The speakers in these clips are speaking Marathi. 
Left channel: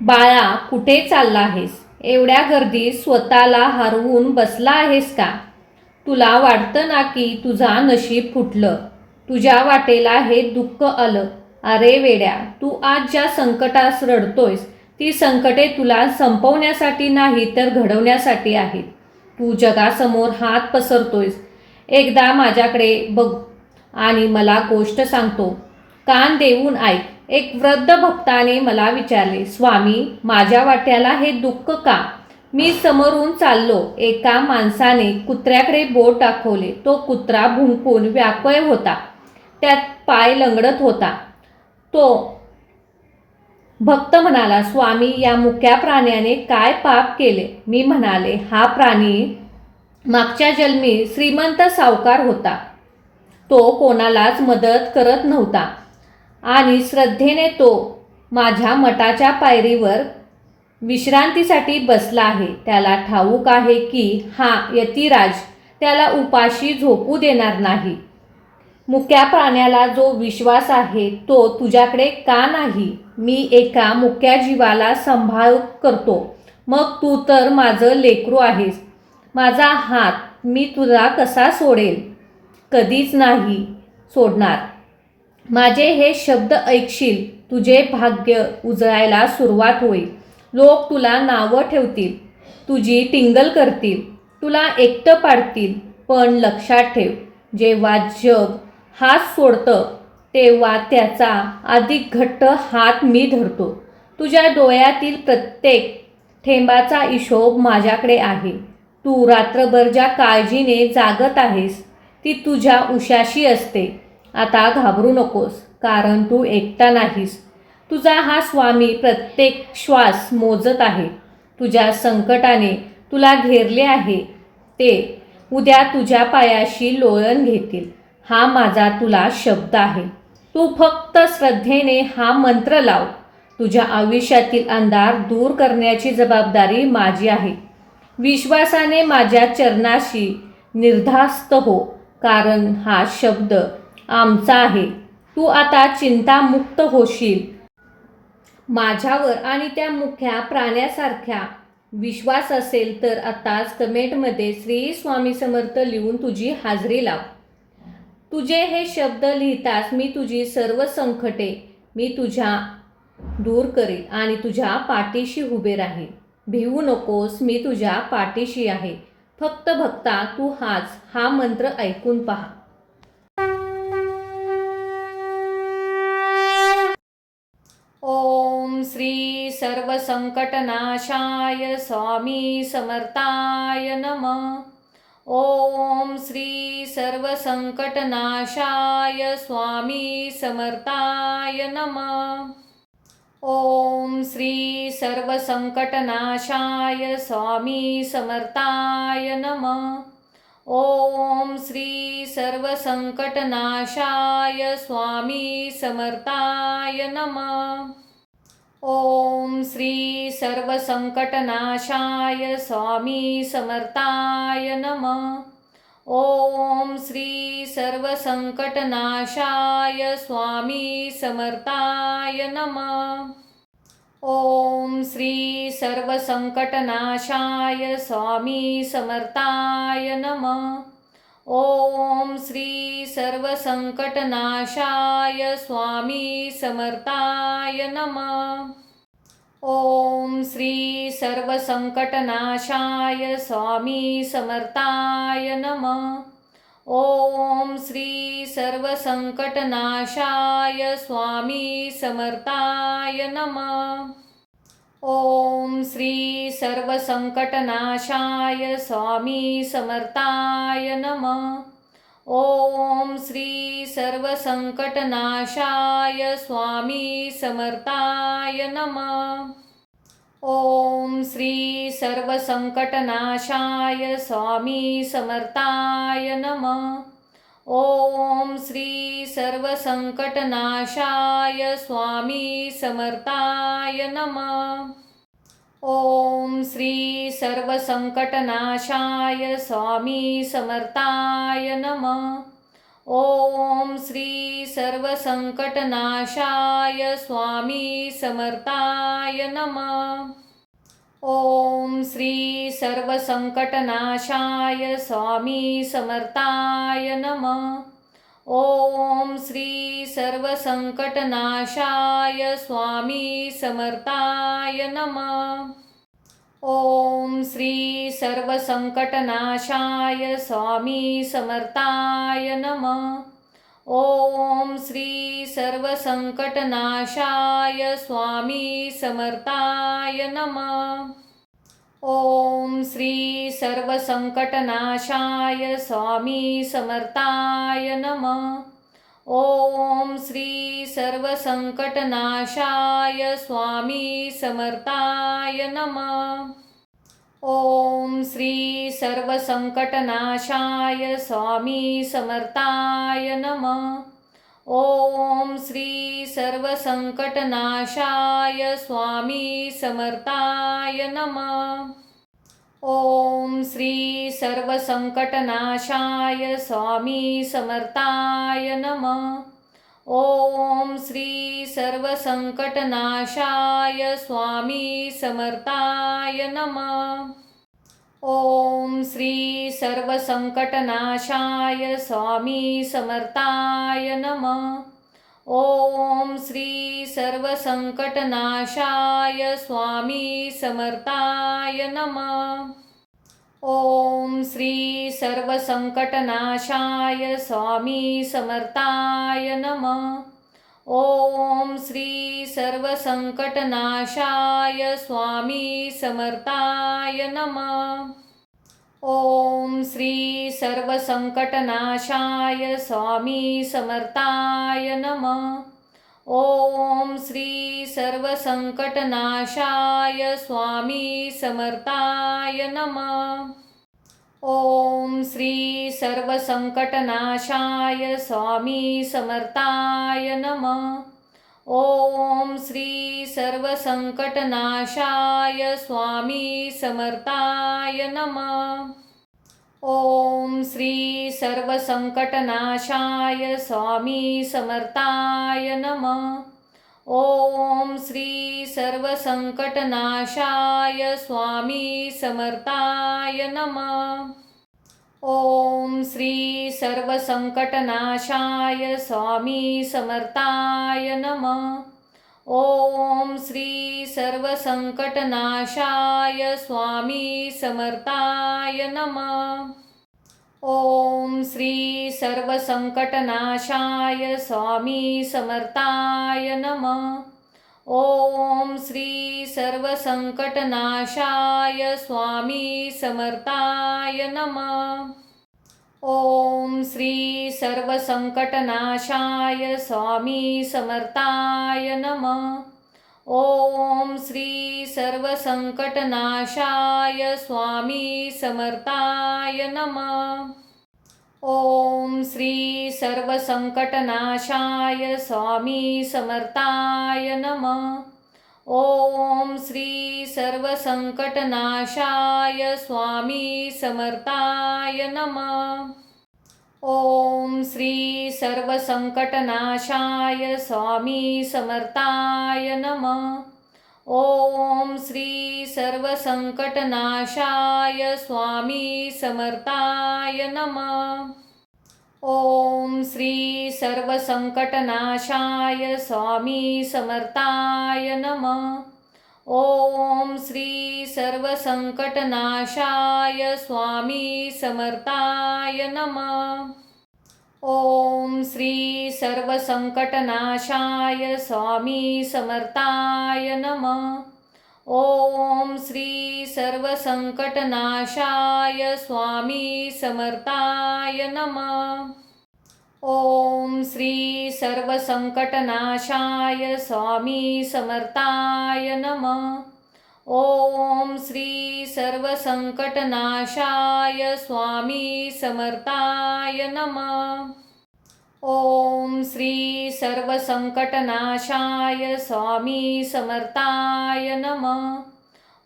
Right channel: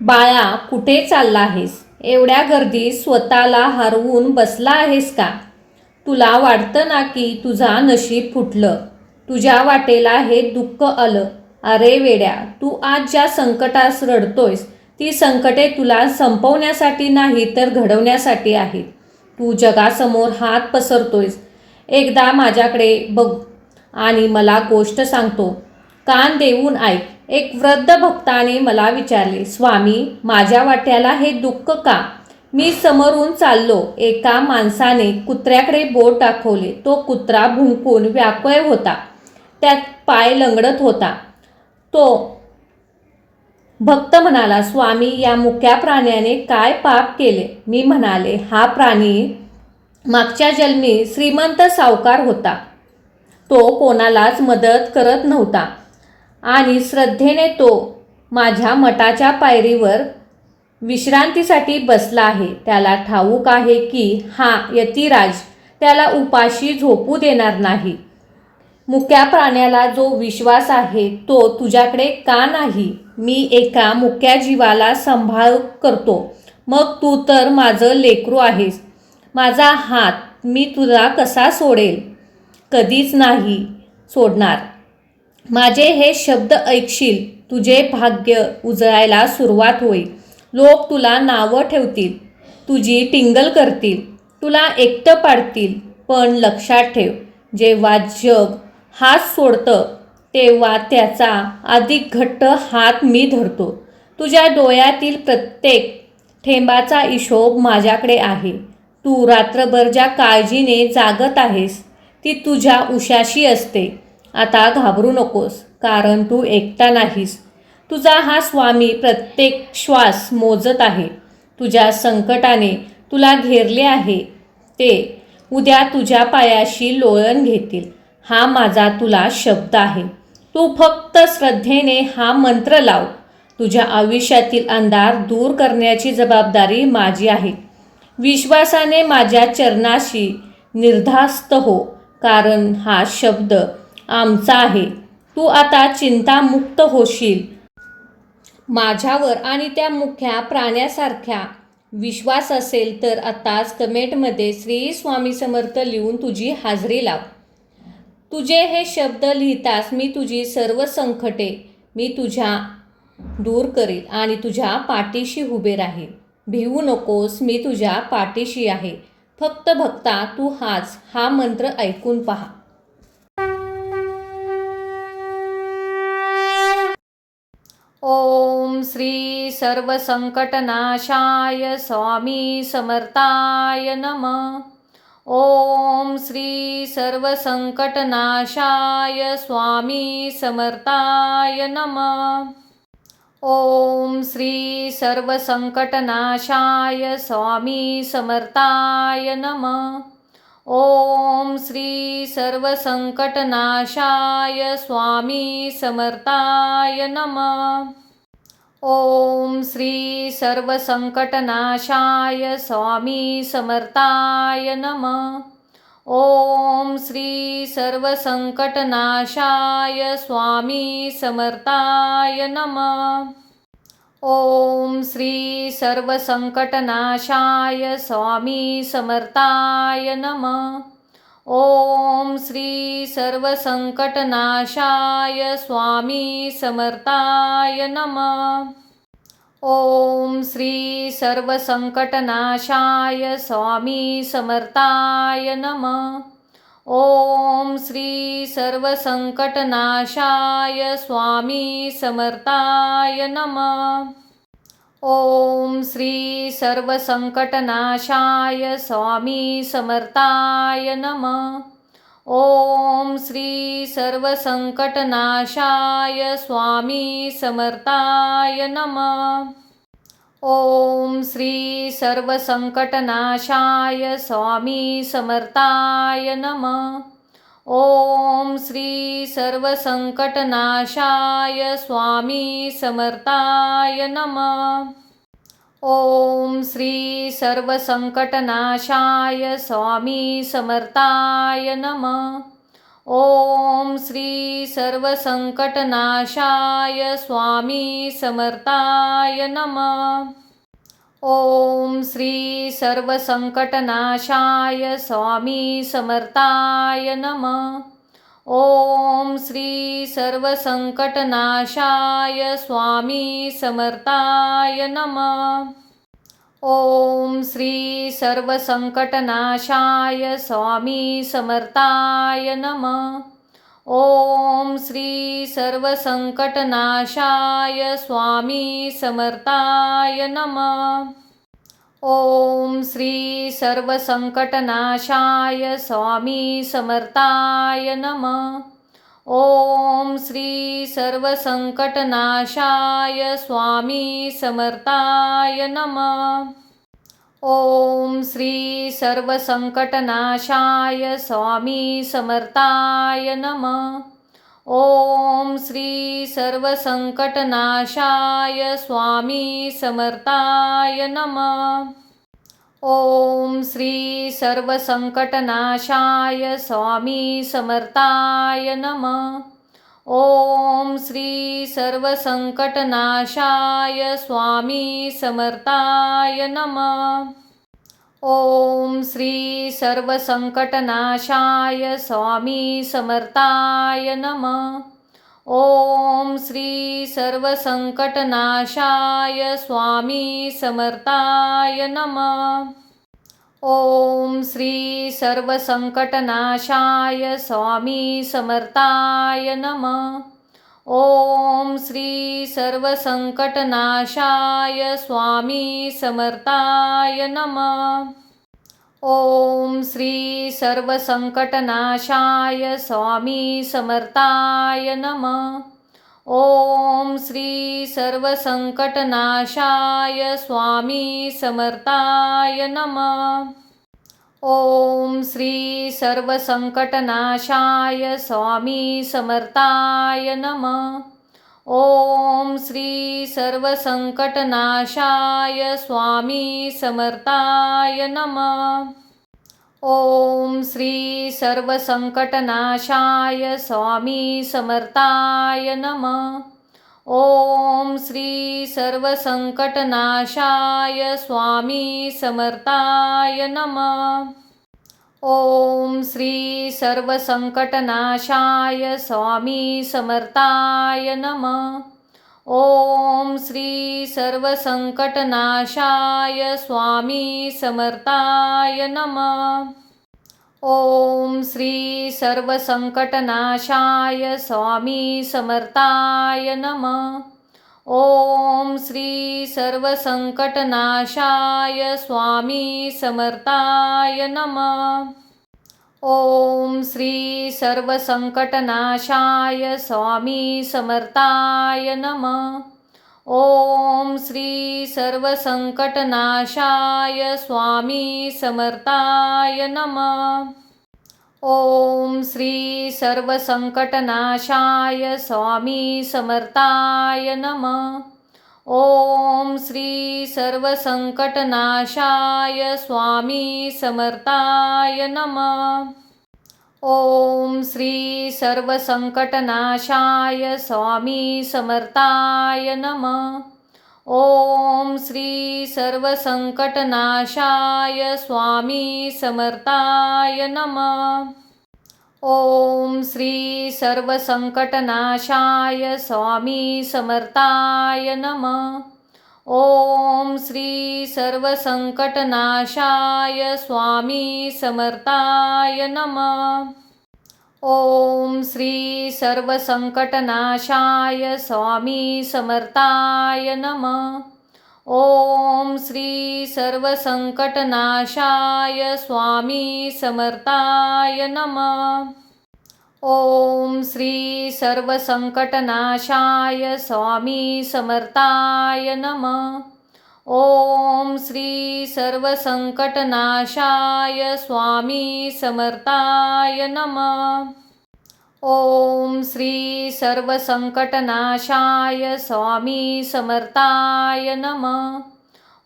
बाळा, कुठे चालला आहेस? एवढ्या गर्दीत स्वतःला हरवून बसला आहेस का? तुला वाटतं ना की तुझा नशीब फुटलं, तुझ्या वाटेला हे दुःख आलं. अरे वेड्या, तू आज ज्या संकटास रडतोयस ती संकटे तुला संपवण्यासाठी नाही तर घडवण्यासाठी आहेत. तू जगासमोर हात पसरतोयस. एकदा माझ्याकडे बघ आणि मला गोष्ट सांगतो. कान देऊन ऐक. एक वृद्ध भक्ताने मला विचारले, स्वामी, माझ्या वाट्याला हे दुःख का? मी समोरून चाललो. एका माणसाने कुत्र्याकडे बोट दाखवले. तो कुत्रा भुंकून व्याकुळ होता. त्यात पाय लंगडत होता. तो भक्त म्हणाला, स्वामी, या मुक्या प्राण्याने काय पाप केले? मी म्हणाले, हा प्राणी मागच्या जन्मी श्रीमंत सावकार होता. तो कोणालाच मदत करत नव्हता आणि श्रद्धेने तो माझ्या मठाच्या पायरीवर विश्रांतीसाठी बसला आहे. त्याला ठाऊक आहे की हा यतिराज त्याला उपाशी झोपू देणार नाही. मुक्या प्राण्याला जो विश्वास आहे तो तुझ्याकडे का नाही? मी एका मुक्या जीवाला सांभाळ करतो. मग तू तर माझं लेकरू आहेस. माझा हात मी तुला कसा सोडेल? कधीच नाही सोडणार. माझे हे शब्द ऐकशील, तुझे भाग्य उजळायला सुरुवात होईल. लोक तुला नावं ठेवतील, तुझी टिंगल करतील, तुला एकटं पाडतील. पण लक्षात ठेव, जेव्हा जग हात सोडतं तेव्हा त्याचा अधिक घट्ट हात मी धरतो. तुझ्या डोळ्यातील प्रत्येक थेंबाचा हिशोब माझ्याकडे आहे. तू रात्रभर ज्या काळजीने जागत आहेस ती तुझ्या उशाशी असते. आता घाबरू नकोस, कारण तू एकटा नाहीस. तुझा हा स्वामी प्रत्येक श्वास मोजत आहे. तुझ्या संकटाने तुला घेरले आहे ते उद्या तुझ्या पायाशी लोळण घेतील. हा माझा तुला शब्द आहे. तू फक्त श्रद्धेने हा मंत्र लाव. तुझ्या आयुष्यातील अंधार दूर करण्याची जबाबदारी माझी आहे. विश्वासाने माझ्या चरणाशी निर्धास्त हो, कारण हा शब्द आमचा आहे. तू आता चिंतामुक्त होशील. माझ्यावर आणि त्या मुख्या प्राण्यासारख्या विश्वास असेल तर आताच कमेंटमध्ये श्री स्वामी समर्थ लिहून तुझी हाजरी लाव. तुझे हे शब्द लिहितास मी तुझी सर्व संकटे मी तुझ्या दूर करेल आणि तुझ्या पाठीशी उभे राहील. भिवू नकोस, मी तुझ्या पाठीशी आहे. फक्त भक्ता, तू हा मंत्र ऐकून पहा. ओम श्री सर्वसंकटनाशाय स्वामी समर्थाय नमः. ओम श्री सर्वसंकटनाशाय स्वामी समर्थाय नमः. ओम श्री सर्वसंकटनाशाय स्वामी समर्थाय नमः. ओम श्री सर्वसंकटनाशाय स्वामी समर्थाय नमः. ओम श्री सर्वसंकटनाशाय स्वामी समर्थाय नमः. ओम श्री सर्वसंकटनाशाय स्वामी समर्थाय नमः. ओम श्री सर्वसंकटनाशाय स्वामी समर्थाय नमः. ओम श्री सर्वसंकटनाशाय स्वामी समर्थाय नमः. ओम श्री सर्वसंकटनाशाय स्वामी समर्थाय नमः. ओम श्री सर्वसंकटनाशाय स्वामी समर्थाय नमः. ओम श्री सर्वसंकटनाशाय स्वामी समर्थाय नमः. ओम श्री सर्वसंकटनाशाय स्वामी समर्थाय नमः. ओम श्री सर्वसंकटनाशाय स्वामी समर्थाय नमः. ओम श्री सर्वसंकटनाशाय स्वामी समर्थाय नमः. ओम श्री सर्वसंकटनाशाय स्वामी समर्थाय नमः. ओम श्री सर्वसंकटनाशाय स्वामी समर्थाय नमः। ओम श्री सर्वसंकटनाशाय स्वामी समर्थाय नमः। ओम श्री सर्वसंकटनाशाय स्वामी समर्थाय नमः। ओम श्री सर्वसंकटनाशाय स्वामी समर्थाय नमः। ओम श्री सर्वसंकटनाशाय स्वामी समर्थाय नमः। ओम श्री सर्वसंकटनाशाय स्वामी समर्थाय नमः। ओम श्री सर्वसंकटनाशाय स्वामी समर्थाय नमः। ओम श्री सर्वसंकटनाशाय स्वामी समर्थाय नमः। ओम श्री सर्वसंकटनाशाय स्वामी समर्थाय नमः। ओम श्री सर्वसंकटनाशाय स्वामी समर्थाय नमः। ओम श्री सर्वसंकटनाशाय स्वामी समर्थाय नमः। ओम श्री सर्वसंकटनाशाय स्वामी समर्थाय नमः। ओम श्री सर्वसंकटनाशाय स्वामी समर्थाय नमः। ओम श्री सर्वसंकटनाशाय स्वामी समर्थाय नमः। ओम श्री सर्वसंकटनाशाय स्वामी समर्थाय नमः। ओम श्री सर्वसंकटनाशाय स्वामी समर्थाय नमः। ओम श्री सर्वसंकटनाशाय स्वामी समर्थाय नमः। ओम श्री सर्वसंकटनाशाय स्वामी समर्थाय नमः। ओम श्री सर्वसंकटनाशाय स्वामी समर्थाय नमः। ओम श्री सर्वसंकटनाशाय स्वामी समर्थाय नमः। ओम श्री सर्वसंकटनाशाय स्वामी समर्थाय नमः। ओम श्री सर्वसंकटनाशाय स्वामी समर्थाय नमः। ओम श्री सर्वसंकटनाशाय स्वामी समर्थाय नमः। ओम श्री सर्वसंकटनाशाय स्वामी समर्थाय नमः। ओम श्री सर्वसंकटनाशाय स्वामी समर्थाय नमः। ओम श्री सर्वसंकटनाशाय स्वामी समर्थाय नमः। ओम श्री सर्वसंकटनाशाय स्वामी समर्थाय नमः। ओम श्री सर्वसंकटनाशाय स्वामी समर्थाय नमः। ओम श्री सर्वसंकटनाशाय स्वामी समर्थाय नमः। ओम श्री सर्वसंकटनाशाय स्वामी समर्थाय नमः। ओम श्री सर्वसंकटनाशाय स्वामी समर्थाय नमः। ओम श्री सर्वसंकटनाशाय स्वामी समर्थाय नमः। ओम श्री सर्वसंकटनाशाय स्वामी समर्थाय नमः। ओम श्री सर्वसंकटनाशाय स्वामी समर्थाय नमः। ओम श्री सर्वसंकटनाशाय स्वामी समर्थाय नमः। ओम श्री सर्वसंकटनाशाय स्वामी समर्थाय नमः। ओम श्री सर्वसंकटनाशाय स्वामी समर्थाय नमः। ओम श्री सर्वसंकटनाशाय स्वामी समर्थाय नमः।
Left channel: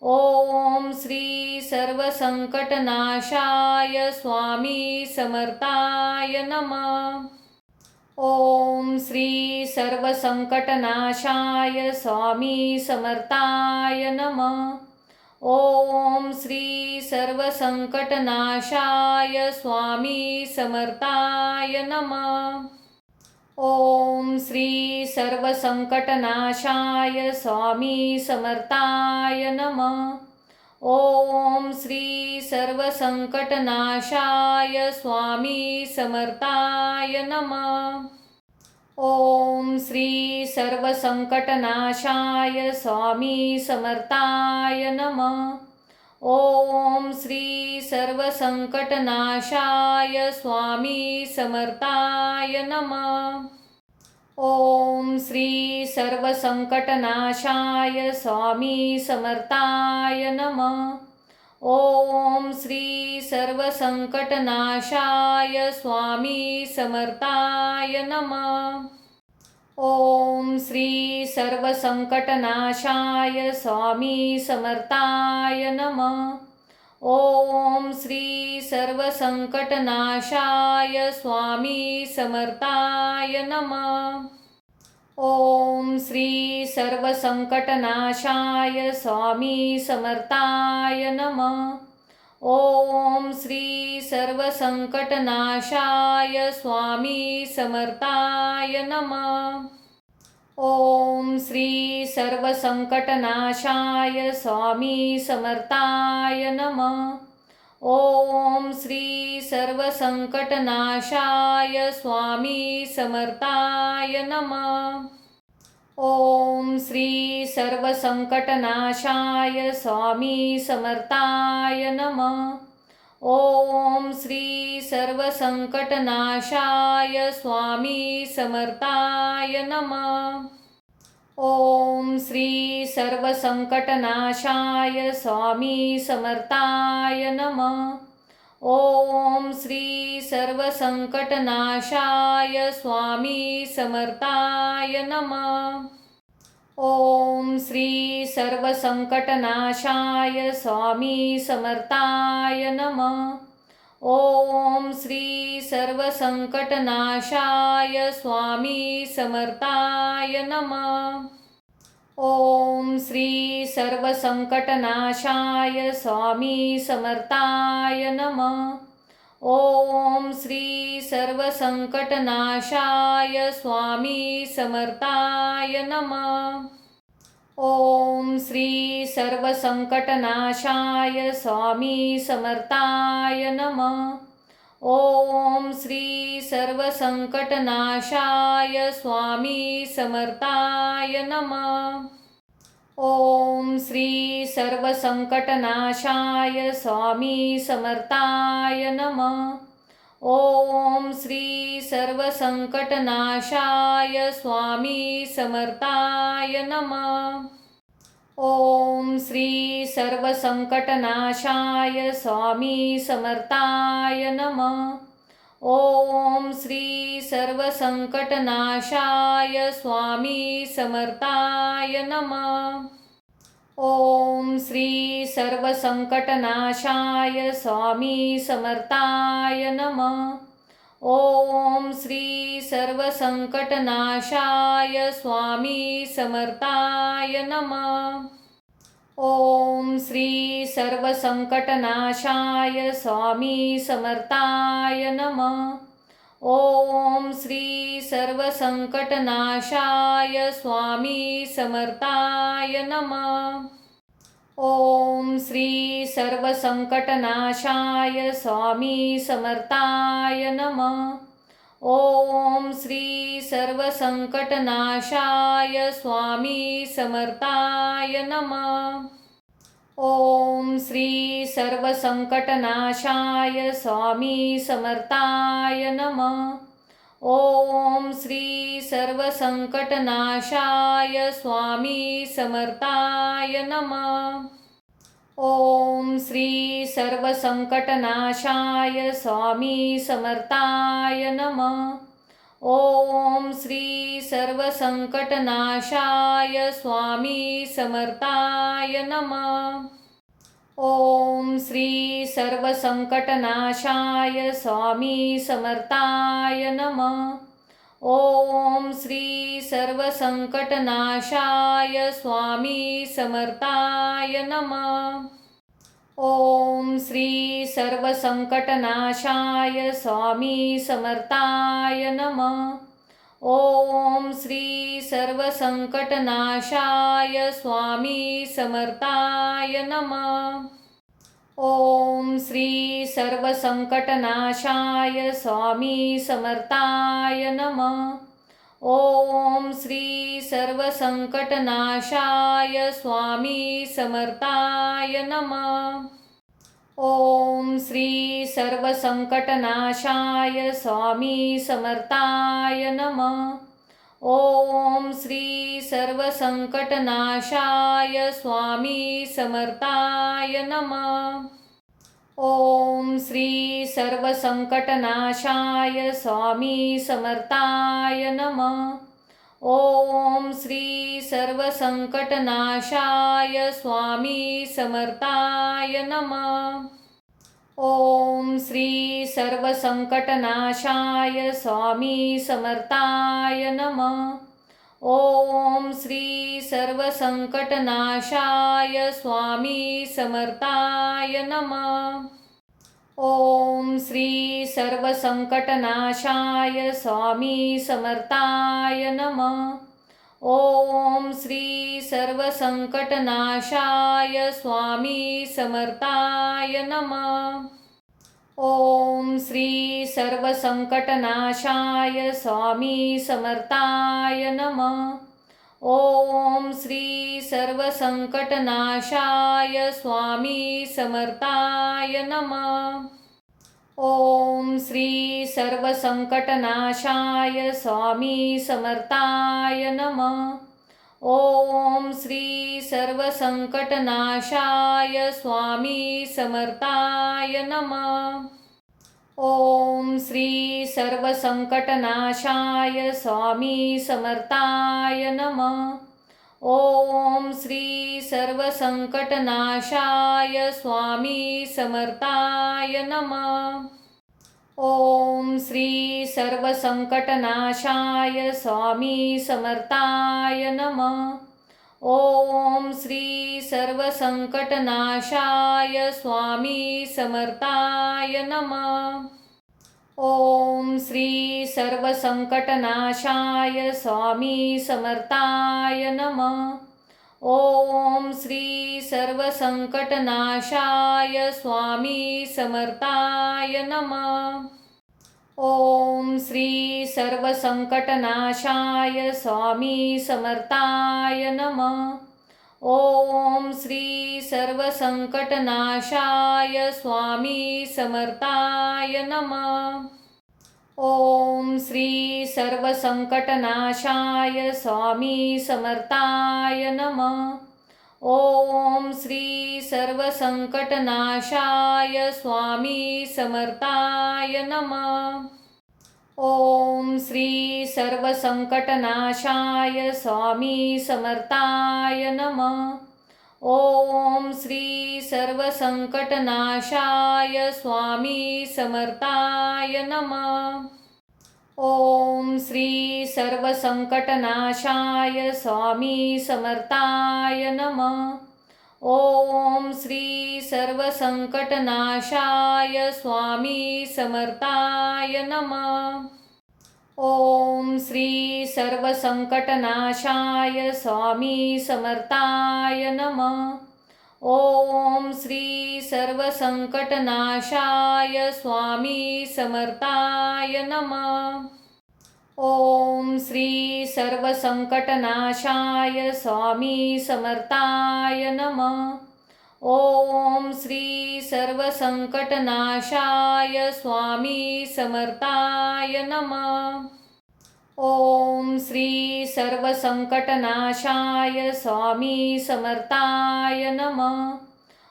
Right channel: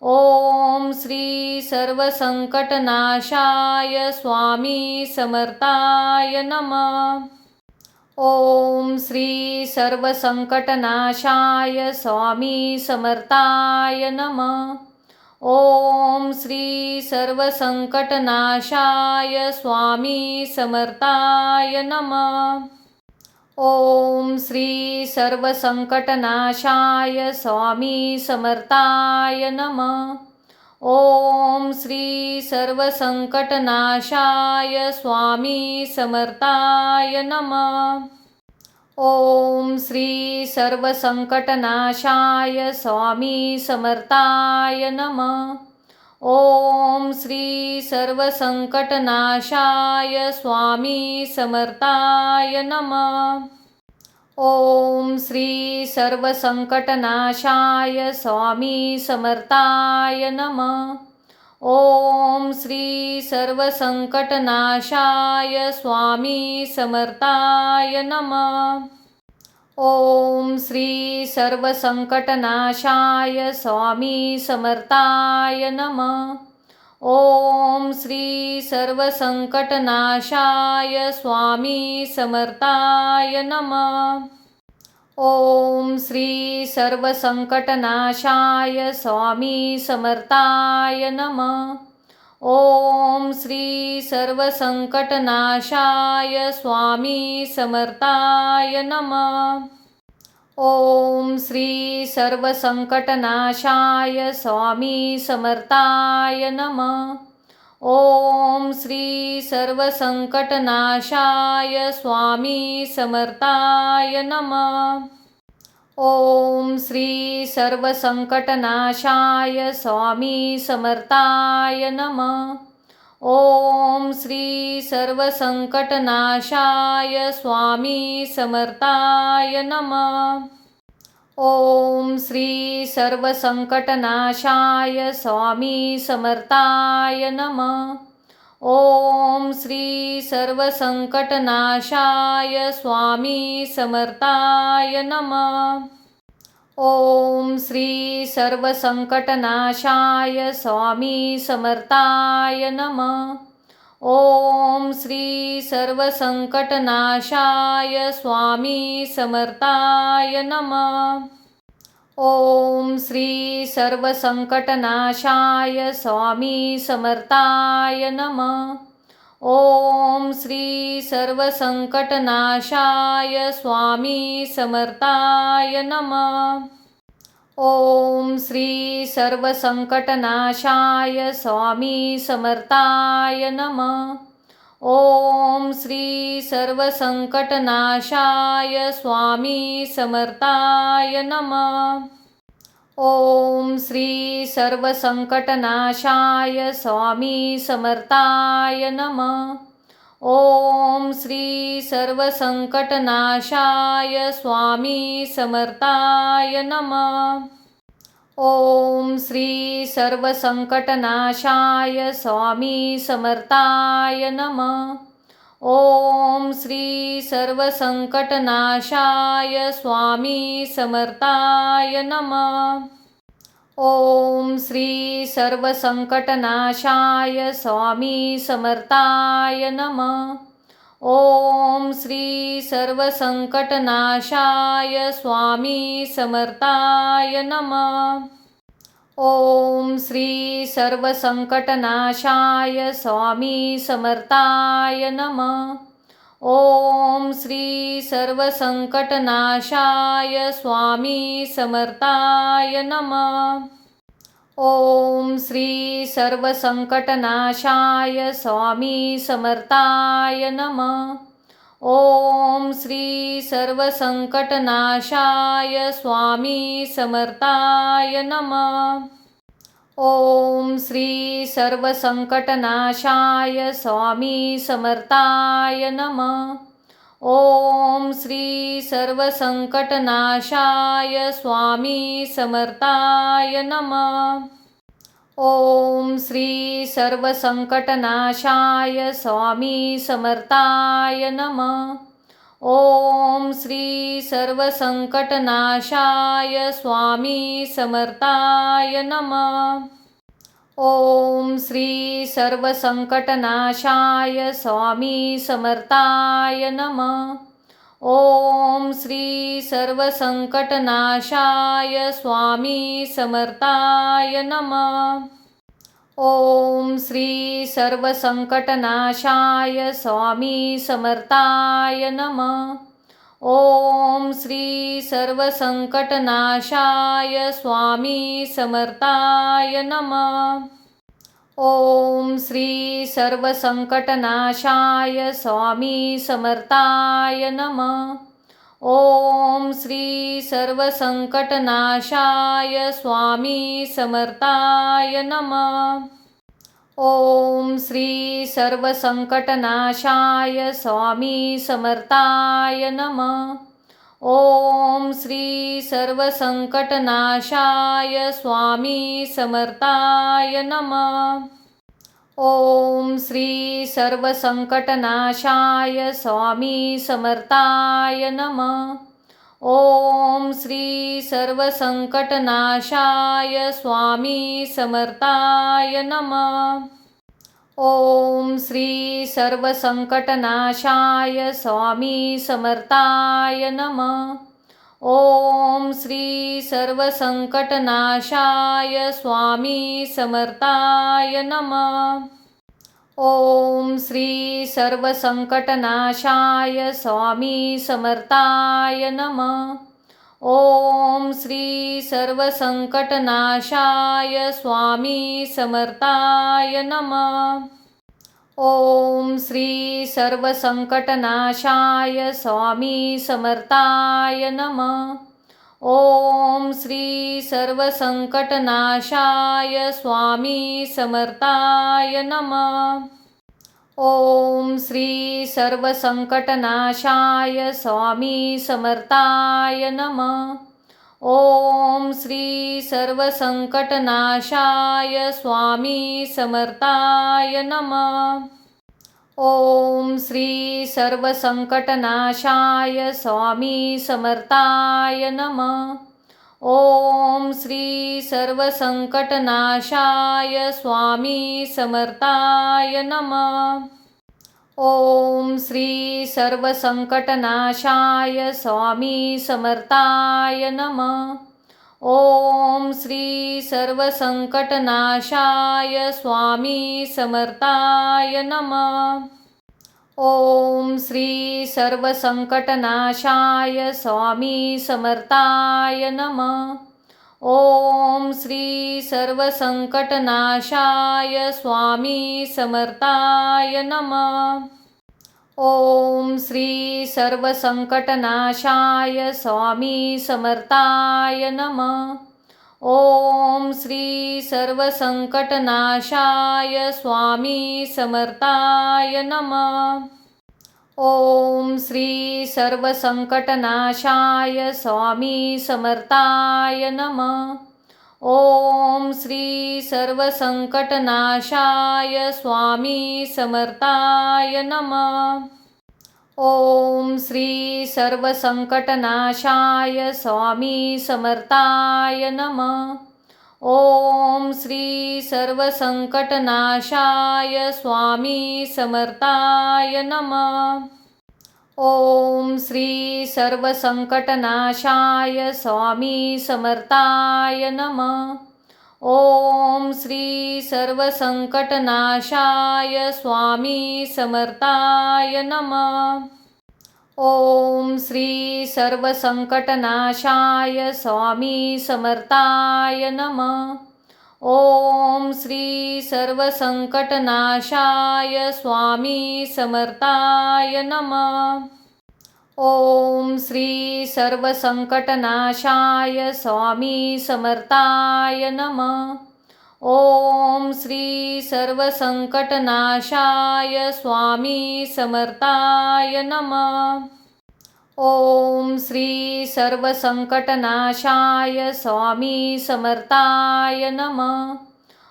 ओम श्री सर्वसंकटनाशाय स्वामी समर्थाय नमः। ओम श्री सर्वसंकटनाशाय स्वामी समर्थाय नमः। ओम श्री सर्वसंकटनाशाय स्वामी समर्थाय नमः। ओम श्री सर्वसंकटनाशाय स्वामी समर्थाय नमः। ओम श्री सर्वसंकटनाशाय स्वामी समर्थाय नमः। ओम श्री सर्वसंकटनाशाय स्वामी समर्थाय नमः। ओम श्री सर्वसंकटनाशाय स्वामी समर्थाय नमः। ओम श्री सर्वसंकटनाशाय स्वामी समर्थाय नमः। ओम श्री सर्वसंकटनाशाय स्वामी समर्थाय नमः। ओम श्री सर्वसंकटनाशाय स्वामी समर्थाय नमः। ओम श्री सर्वसंकटनाशाय स्वामी समर्थाय नमः। ओम श्री सर्वसंकटनाशाय स्वामी समर्थाय नमः। ओम श्री सर्वसंकटनाशाय स्वामी समर्थाय नमः। ओम श्री सर्वसंकटनाशाय स्वामी समर्थाय नमः। ओम श्री सर्वसंकटनाशाय स्वामी समर्थाय नमः। ओम श्री सर्वसंकटनाशाय स्वामी समर्थाय नमः। ओम श्री सर्वसंकटनाशाय स्वामी समर्थाय नमः। ओम श्री सर्वसंकटनाशाय स्वामी समर्थाय नमः। ओम श्री सर्वसंकटनाशाय स्वामी समर्थाय नमः। ओम श्री सर्वसंकटनाशाय स्वामी समर्थाय नमः। ओम श्री सर्वसंकटनाशाय स्वामी समर्थाय नमः। ओम श्री सर्वसंकटनाशाय स्वामी समर्थाय नमः। ओम श्री सर्वसंकटनाशाय स्वामी समर्थाय नमः। ओम श्री सर्वसंकटनाशाय स्वामी समर्थाय नमः। ओम श्री सर्वसंकटनाशाय स्वामी समर्थाय नमः। ओम श्री सर्वसंकटनाशाय स्वामी समर्थाय नमः। ओम श्री सर्वसंकटनाशाय स्वामी समर्थाय नमः। ओम श्री सर्वसंकटनाशाय स्वामी समर्थाय नमः। ओम श्री सर्वसंकटनाशाय स्वामी समर्थाय नमः। ओम श्री सर्वसंकटनाशाय स्वामी समर्थाय नमः। ओम श्री सर्वसंकटनाशाय स्वामी समर्थाय नमः। ओम श्री सर्वसंकटनाशाय स्वामी समर्थाय नमः। ओम श्री सर्वसंकटनाशाय स्वामी समर्थाय नमः। ओम श्री सर्वसंकटनाशाय स्वामी समर्थाय नमः। ओम श्री सर्वसंकटनाशाय स्वामी समर्थाय नमः। ओम श्री सर्वसंकटनाशाय स्वामी समर्थाय नमः। ओम श्री सर्वसंकटनाशाय स्वामी समर्थाय नमः। ओम श्री सर्वसंकटनाशाय स्वामी समर्थाय नमः। ओम श्री सर्वसंकटनाशाय स्वामी समर्थाय नमः। ओम श्री सर्वसंकटनाशाय स्वामी समर्थाय नमः। ओम श्री सर्वसंकटनाशाय स्वामी समर्थाय नमः। ओम श्री सर्वसंकटनाशाय स्वामी समर्थाय नमः। ओम श्री सर्वसंकटनाशाय स्वामी समर्थाय नमः। ओम श्री सर्वसंकटनाशाय स्वामी समर्थाय नमः। ओम श्री सर्वसंकटनाशाय स्वामी समर्थाय नमः। ओम श्री सर्वसंकटनाशाय स्वामी समर्थाय नमः। ओम श्री सर्वसंकटनाशाय स्वामी समर्थाय नमः। ओम श्री सर्वसंकटनाशाय स्वामी समर्थाय नमः। ओम श्री सर्वसंकटनाशाय स्वामी समर्थाय नमः। ओम श्री सर्वसंकटनाशाय स्वामी समर्थाय नमः। ओम श्री सर्वसंकटनाशाय स्वामी समर्थाय नमः। ओम श्री सर्वसंकटनाशाय स्वामी समर्थाय नमः। ओम श्री सर्वसंकटनाशाय स्वामी समर्थाय नमः। ओम श्री सर्वसंकटनाशाय स्वामी समर्थाय नमः। ओम श्री सर्वसंकटनाशाय स्वामी समर्थाय नमः। ओम श्री सर्वसंकटनाशाय स्वामी समर्थाय नमः। ओम श्री सर्वसंकटनाशाय स्वामी समर्थाय नमः। ओम श्री सर्वसंकटनाशाय स्वामी समर्थाय नमः। ओम श्री सर्वसंकटनाशाय स्वामी समर्थाय नमः। ओम श्री सर्वसंकटनाशाय स्वामी समर्थाय नमः। ओम श्री सर्वसंकटनाशाय स्वामी समर्थाय नमः। ओम श्री सर्वसंकटनाशाय स्वामी समर्थाय नमः। ओम श्री सर्वसंकटनाशाय स्वामी समर्थाय नमः। ओम श्री सर्वसंकटनाशाय स्वामी समर्थाय नमः। ओम श्री सर्वसंकटनाशाय स्वामी समर्थाय नमः। ओम श्री सर्वसंकटनाशाय स्वामी समर्थाय नमः। ओम श्री सर्वसंकटनाशाय स्वामी समर्थाय नमः। ओम श्री सर्वसंकटनाशाय स्वामी समर्थाय नमः। ओम श्री सर्वसंकटनाशाय स्वामी समर्थाय नमः। ओम श्री सर्वसंकटनाशाय स्वामी समर्थाय नमः। ओम श्री सर्वसंकटनाशाय स्वामी समर्थाय नमः। ओम श्री सर्वसंकटनाशाय स्वामी समर्थाय नमः। ओम श्री सर्वसंकटनाशाय स्वामी समर्थाय नमः। ओम श्री सर्वसंकटनाशाय स्वामी समर्थाय नमः। ओम श्री सर्वसंकटनाशाय स्वामी समर्थाय नमः। ओम श्री सर्वसंकटनाशाय स्वामी समर्थाय नमः।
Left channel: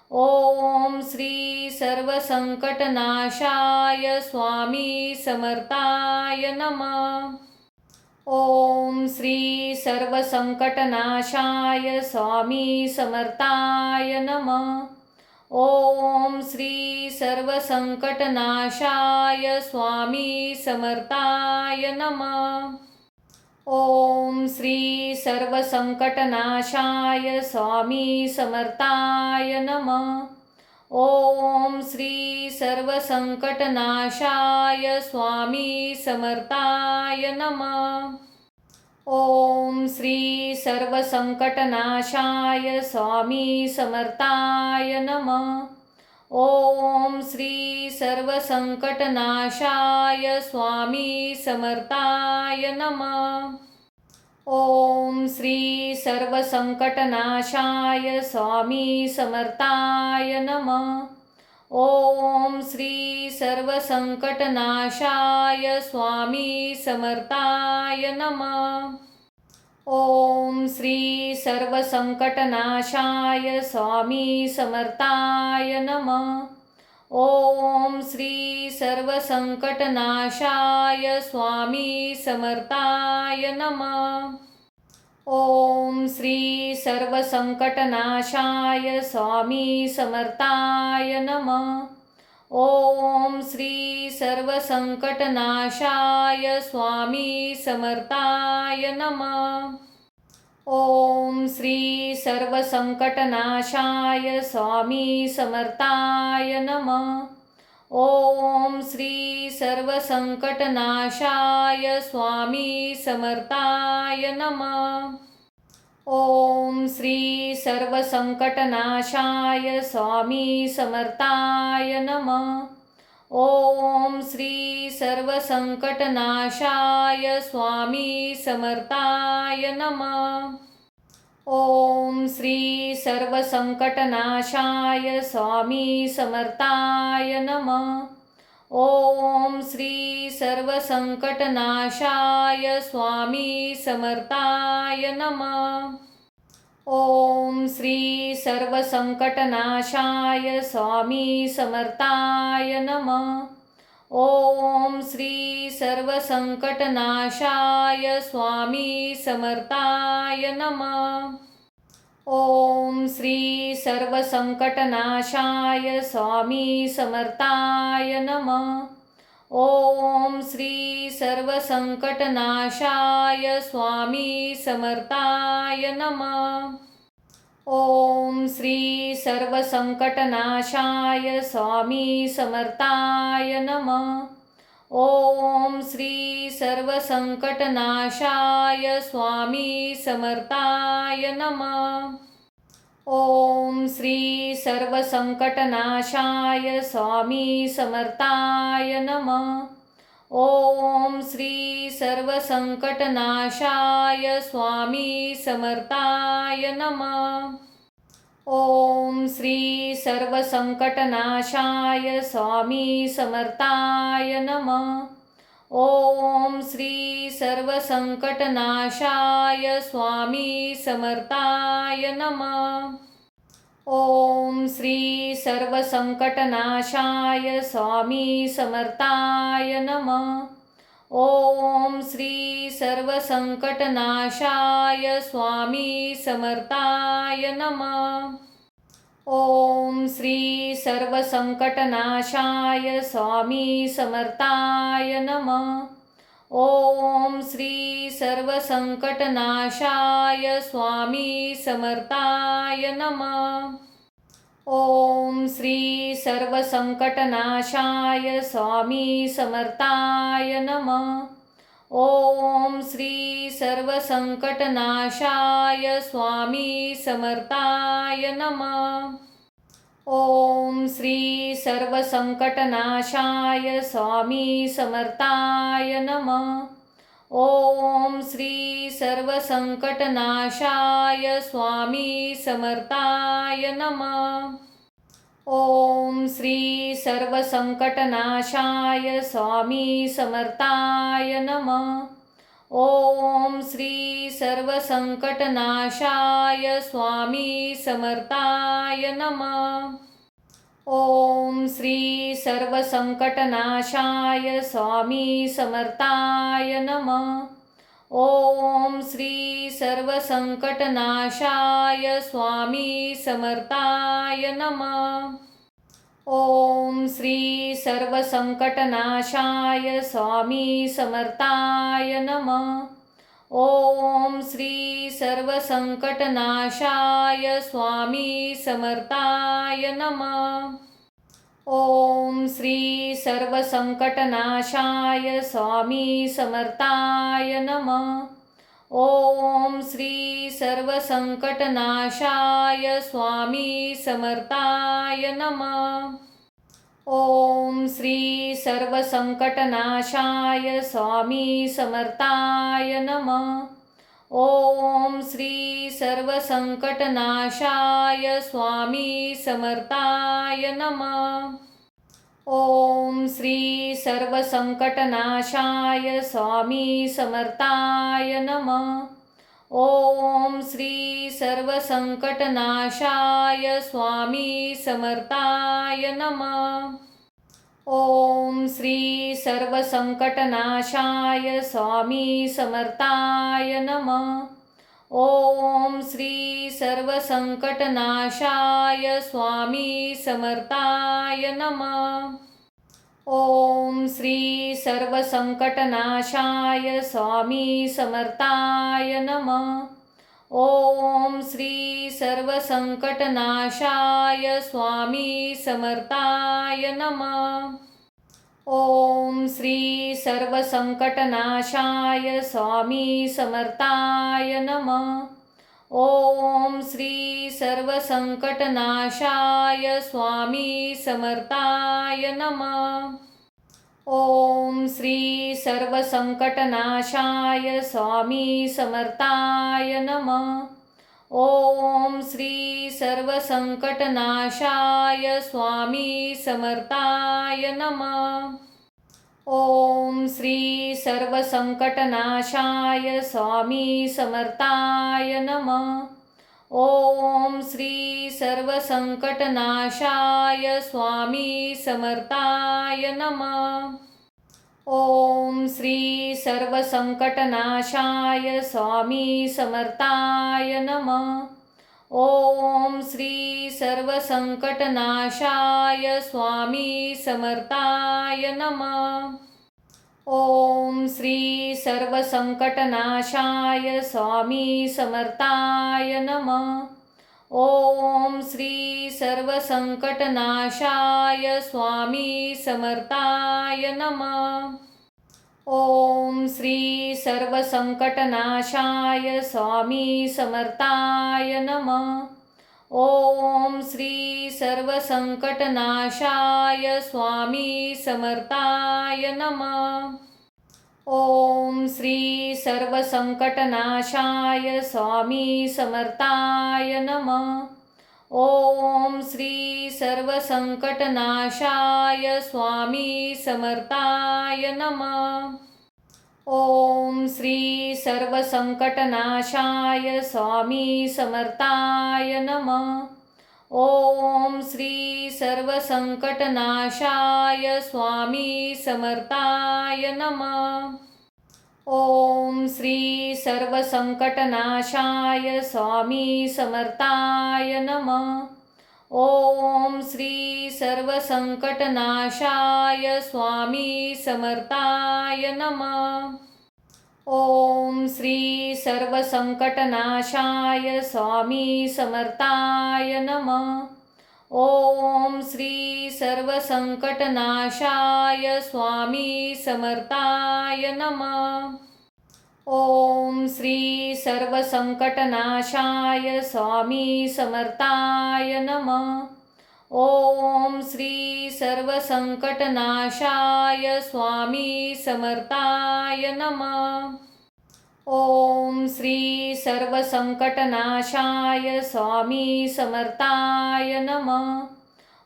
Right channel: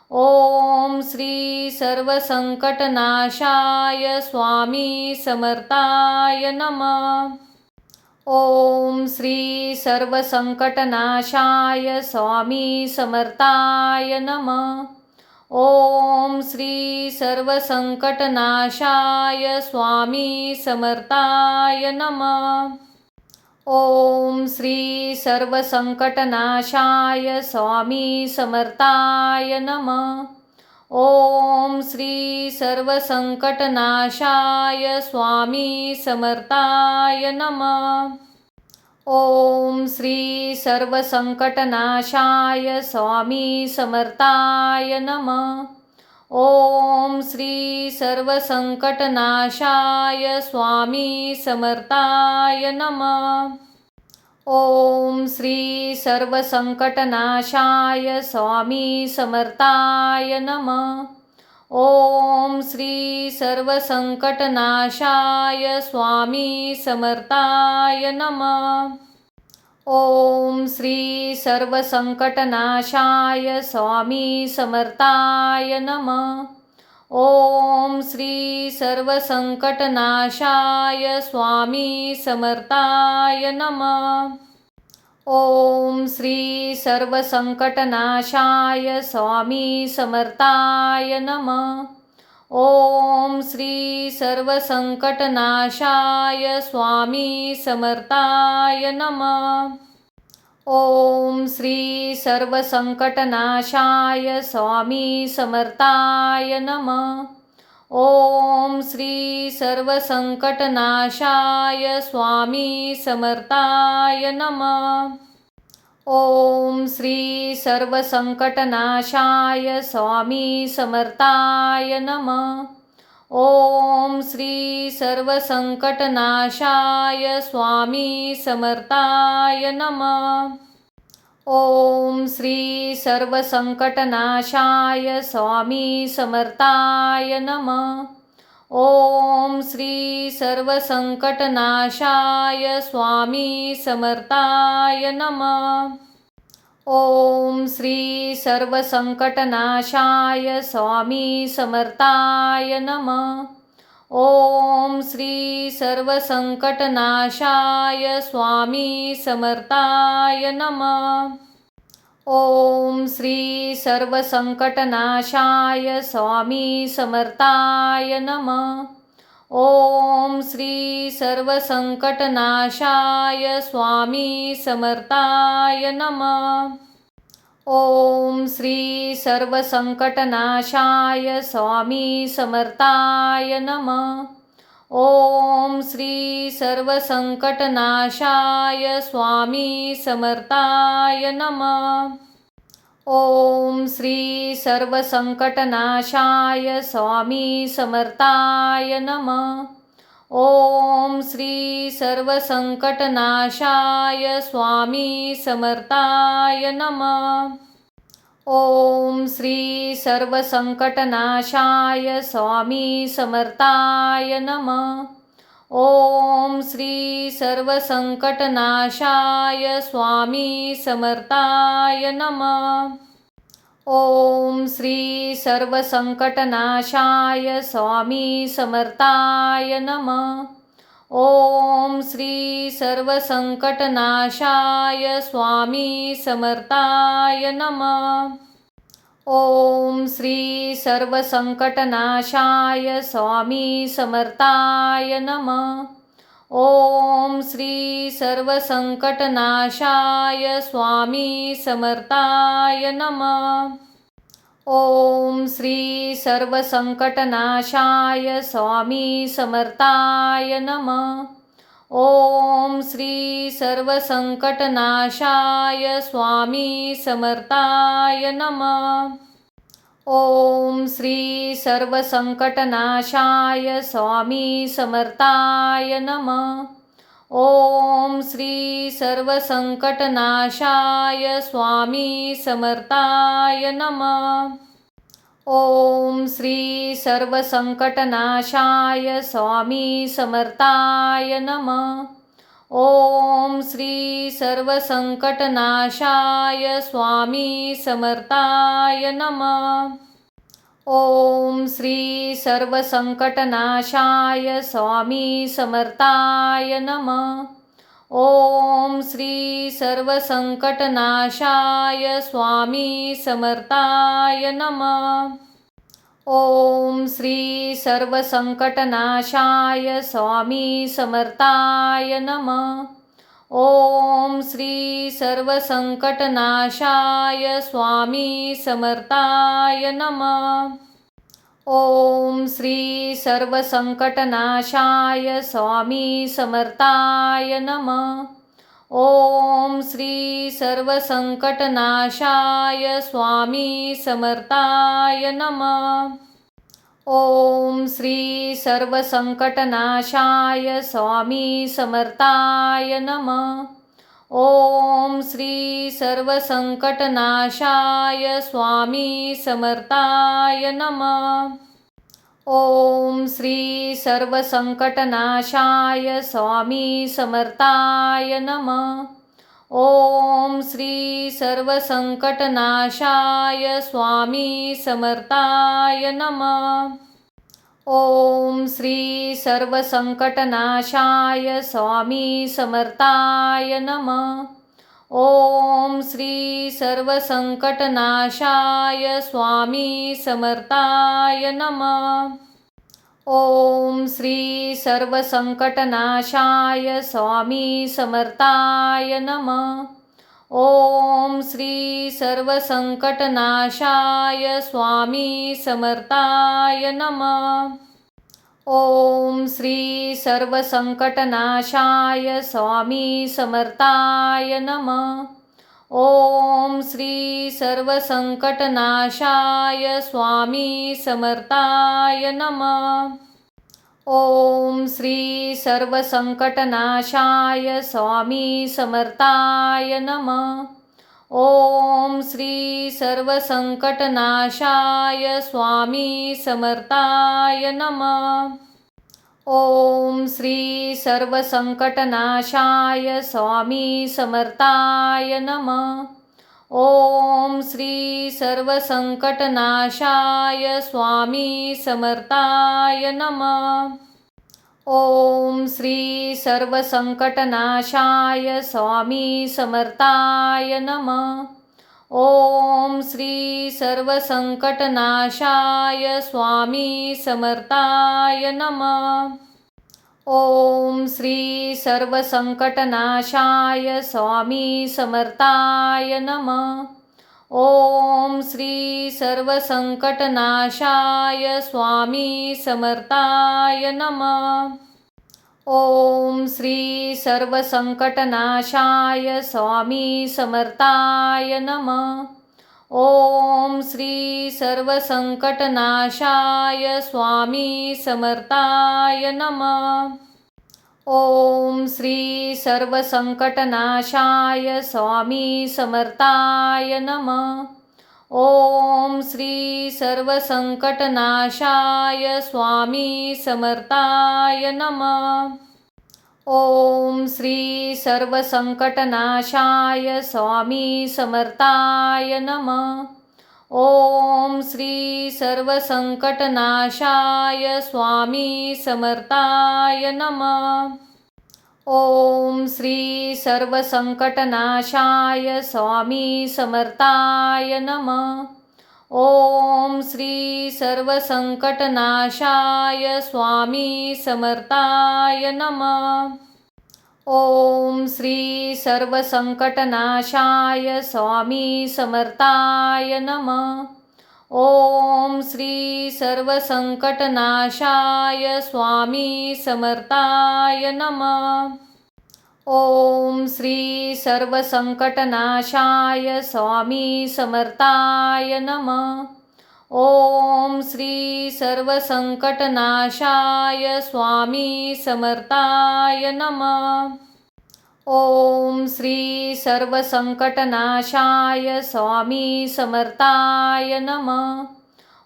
ओम श्री सर्वसंकटनाशाय स्वामी समर्थाय नमः। ओम श्री सर्वसंकटनाशाय स्वामी समर्थाय नमः। ओम श्री सर्वसंकटनाशाय स्वामी समर्थाय नमः। ओम श्री सर्वसंकटनाशाय स्वामी समर्थाय नमः। ओम श्री सर्वसंकटनाशाय स्वामी समर्थाय नमः। ओम श्री सर्वसंकटनाशाय स्वामी समर्थाय नमः। ओम श्री सर्वसंकटनाशाय स्वामी समर्थाय नमः। ओम श्री सर्वसंकटनाशाय स्वामी समर्थाय नमः। ओम श्री सर्वसंकटनाशाय स्वामी समर्थाय नमः। ओम श्री सर्वसंकटनाशाय स्वामी समर्थाय नमः। ओम श्री सर्वसंकटनाशाय स्वामी समर्थाय नमः। ओम श्री सर्वसंकटनाशाय स्वामी समर्थाय नमः। ओम श्री सर्वसंकटनाशाय स्वामी समर्थाय नमः। ओम श्री सर्वसंकटनाशाय स्वामी समर्थाय नमः। ओम श्री सर्वसंकटनाशाय स्वामी समर्थाय नमः। ओम श्री सर्वसंकटनाशाय स्वामी समर्थाय नमः। ओम श्री सर्वसंकटनाशाय स्वामी समर्थाय नमः। ओम श्री सर्वसंकटनाशाय स्वामी समर्थाय नमः। ओम श्री सर्वसंकटनाशाय स्वामी समर्थाय नमः। ओम श्री सर्वसंकटनाशाय स्वामी समर्थाय नमः। ओम श्री सर्वसंकटनाशाय स्वामी समर्थाय नमः। ओम श्री सर्वसंकटनाशाय स्वामी समर्थाय नमः। ओम श्री सर्वसंकटनाशाय स्वामी समर्थाय नमः। ओम श्री सर्वसंकटनाशाय स्वामी समर्थाय नमः। ओम श्री सर्वसंकटनाशाय स्वामी समर्थाय नमः। ओम श्री सर्वसंकटनाशाय स्वामी समर्थाय नमः। ओम श्री सर्वसंकटनाशाय स्वामी समर्थाय नमः। ओम श्री सर्वसंकटनाशाय स्वामी समर्थाय नमः। ओम श्री सर्वसंकटनाशाय स्वामी समर्थाय नमः। ओम श्री सर्वसंकटनाशाय स्वामी समर्थाय नमः। ओम श्री सर्वसंकटनाशाय स्वामी समर्थाय नमः। ओम श्री सर्वसंकटनाशाय स्वामी समर्थाय नमः। ओम श्री सर्वसंकटनाशाय स्वामी समर्थाय नमः। ओम श्री सर्वसंकटनाशाय स्वामी समर्थाय नमः। ओम श्री सर्वसंकटनाशाय स्वामी समर्थाय नमः। ओम श्री सर्वसंकटनाशाय स्वामी समर्थाय नमः। ओम श्री सर्वसंकटनाशाय स्वामी समर्थाय नमः। ओम श्री सर्वसंकटनाशाय स्वामी समर्थाय नमः। ओम श्री सर्वसंकटनाशाय स्वामी समर्थाय नमः। ओम श्री सर्वसंकटनाशाय स्वामी समर्थाय नमः। ओम श्री सर्वसंकटनाशाय स्वामी समर्थाय नमः। ओम श्री सर्वसंकटनाशाय स्वामी समर्थाय नमः। ओम श्री सर्वसंकटनाशाय स्वामी समर्थाय नमः। ओम श्री सर्वसंकटनाशाय स्वामी समर्थाय नमः। ओम श्री सर्वसंकटनाशाय स्वामी समर्थाय नमः। ओम श्री सर्वसंकटनाशाय स्वामी समर्थाय नमः। ओम श्री सर्वसंकटनाशाय स्वामी समर्थाय नमः। ओम श्री सर्वसंकटनाशाय स्वामी समर्थाय नमः। ओम श्री सर्वसंकटनाशाय स्वामी समर्थाय नमः। ओम श्री सर्वसंकटनाशाय स्वामी समर्थाय नमः। ओम श्री सर्वसंकटनाशाय स्वामी समर्थाय नमः। ओम श्री सर्वसंकटनाशाय स्वामी समर्थाय नमः। ओम श्री सर्वसंकटनाशाय स्वामी समर्थाय नमः। ओम श्री सर्वसंकटनाशाय स्वामी समर्थाय नमः। ओम श्री सर्वसंकटनाशाय स्वामी समर्थाय नमः। ओम श्री सर्वसंकटनाशाय स्वामी समर्थाय नमः। ओम श्री सर्वसंकटनाशाय स्वामी समर्थाय नमः। ओम श्री सर्वसंकटनाशाय स्वामी समर्थाय नमः। ओम श्री सर्वसंकटनाशाय स्वामी समर्थाय नमः। ओम श्री सर्वसंकटनाशाय स्वामी समर्थाय नमः। ओम श्री सर्वसंकटनाशाय स्वामी समर्थाय नमः। ओम श्री सर्वसंकटनाशाय स्वामी समर्थाय नमः। ओम श्री सर्वसंकटनाशाय स्वामी समर्थाय नमः। ओम श्री सर्वसंकटनाशाय स्वामी समर्थाय नमः। ओम श्री सर्वसंकटनाशाय स्वामी समर्थाय नमः। ओम श्री सर्वसंकटनाशाय स्वामी समर्थाय नमः। ओम श्री सर्वसंकटनाशाय स्वामी समर्थाय नमः। ओम श्री सर्वसंकटनाशाय स्वामी समर्थाय नमः। ओम श्री सर्वसंकटनाशाय स्वामी समर्थाय नमः। ओम श्री सर्वसंकटनाशाय स्वामी समर्थाय नमः। ओम श्री सर्वसंकटनाशाय स्वामी समर्थाय नमः। ओम श्री सर्वसंकटनाशाय स्वामी समर्थाय नमः। ओम श्री सर्वसंकटनाशाय स्वामी समर्थाय नमः। ओम श्री सर्वसंकटनाशाय स्वामी समर्थाय नमः। ओम श्री सर्वसंकटनाशाय स्वामी समर्थाय नमः। ओम श्री सर्वसंकटनाशाय स्वामी समर्थाय नमः।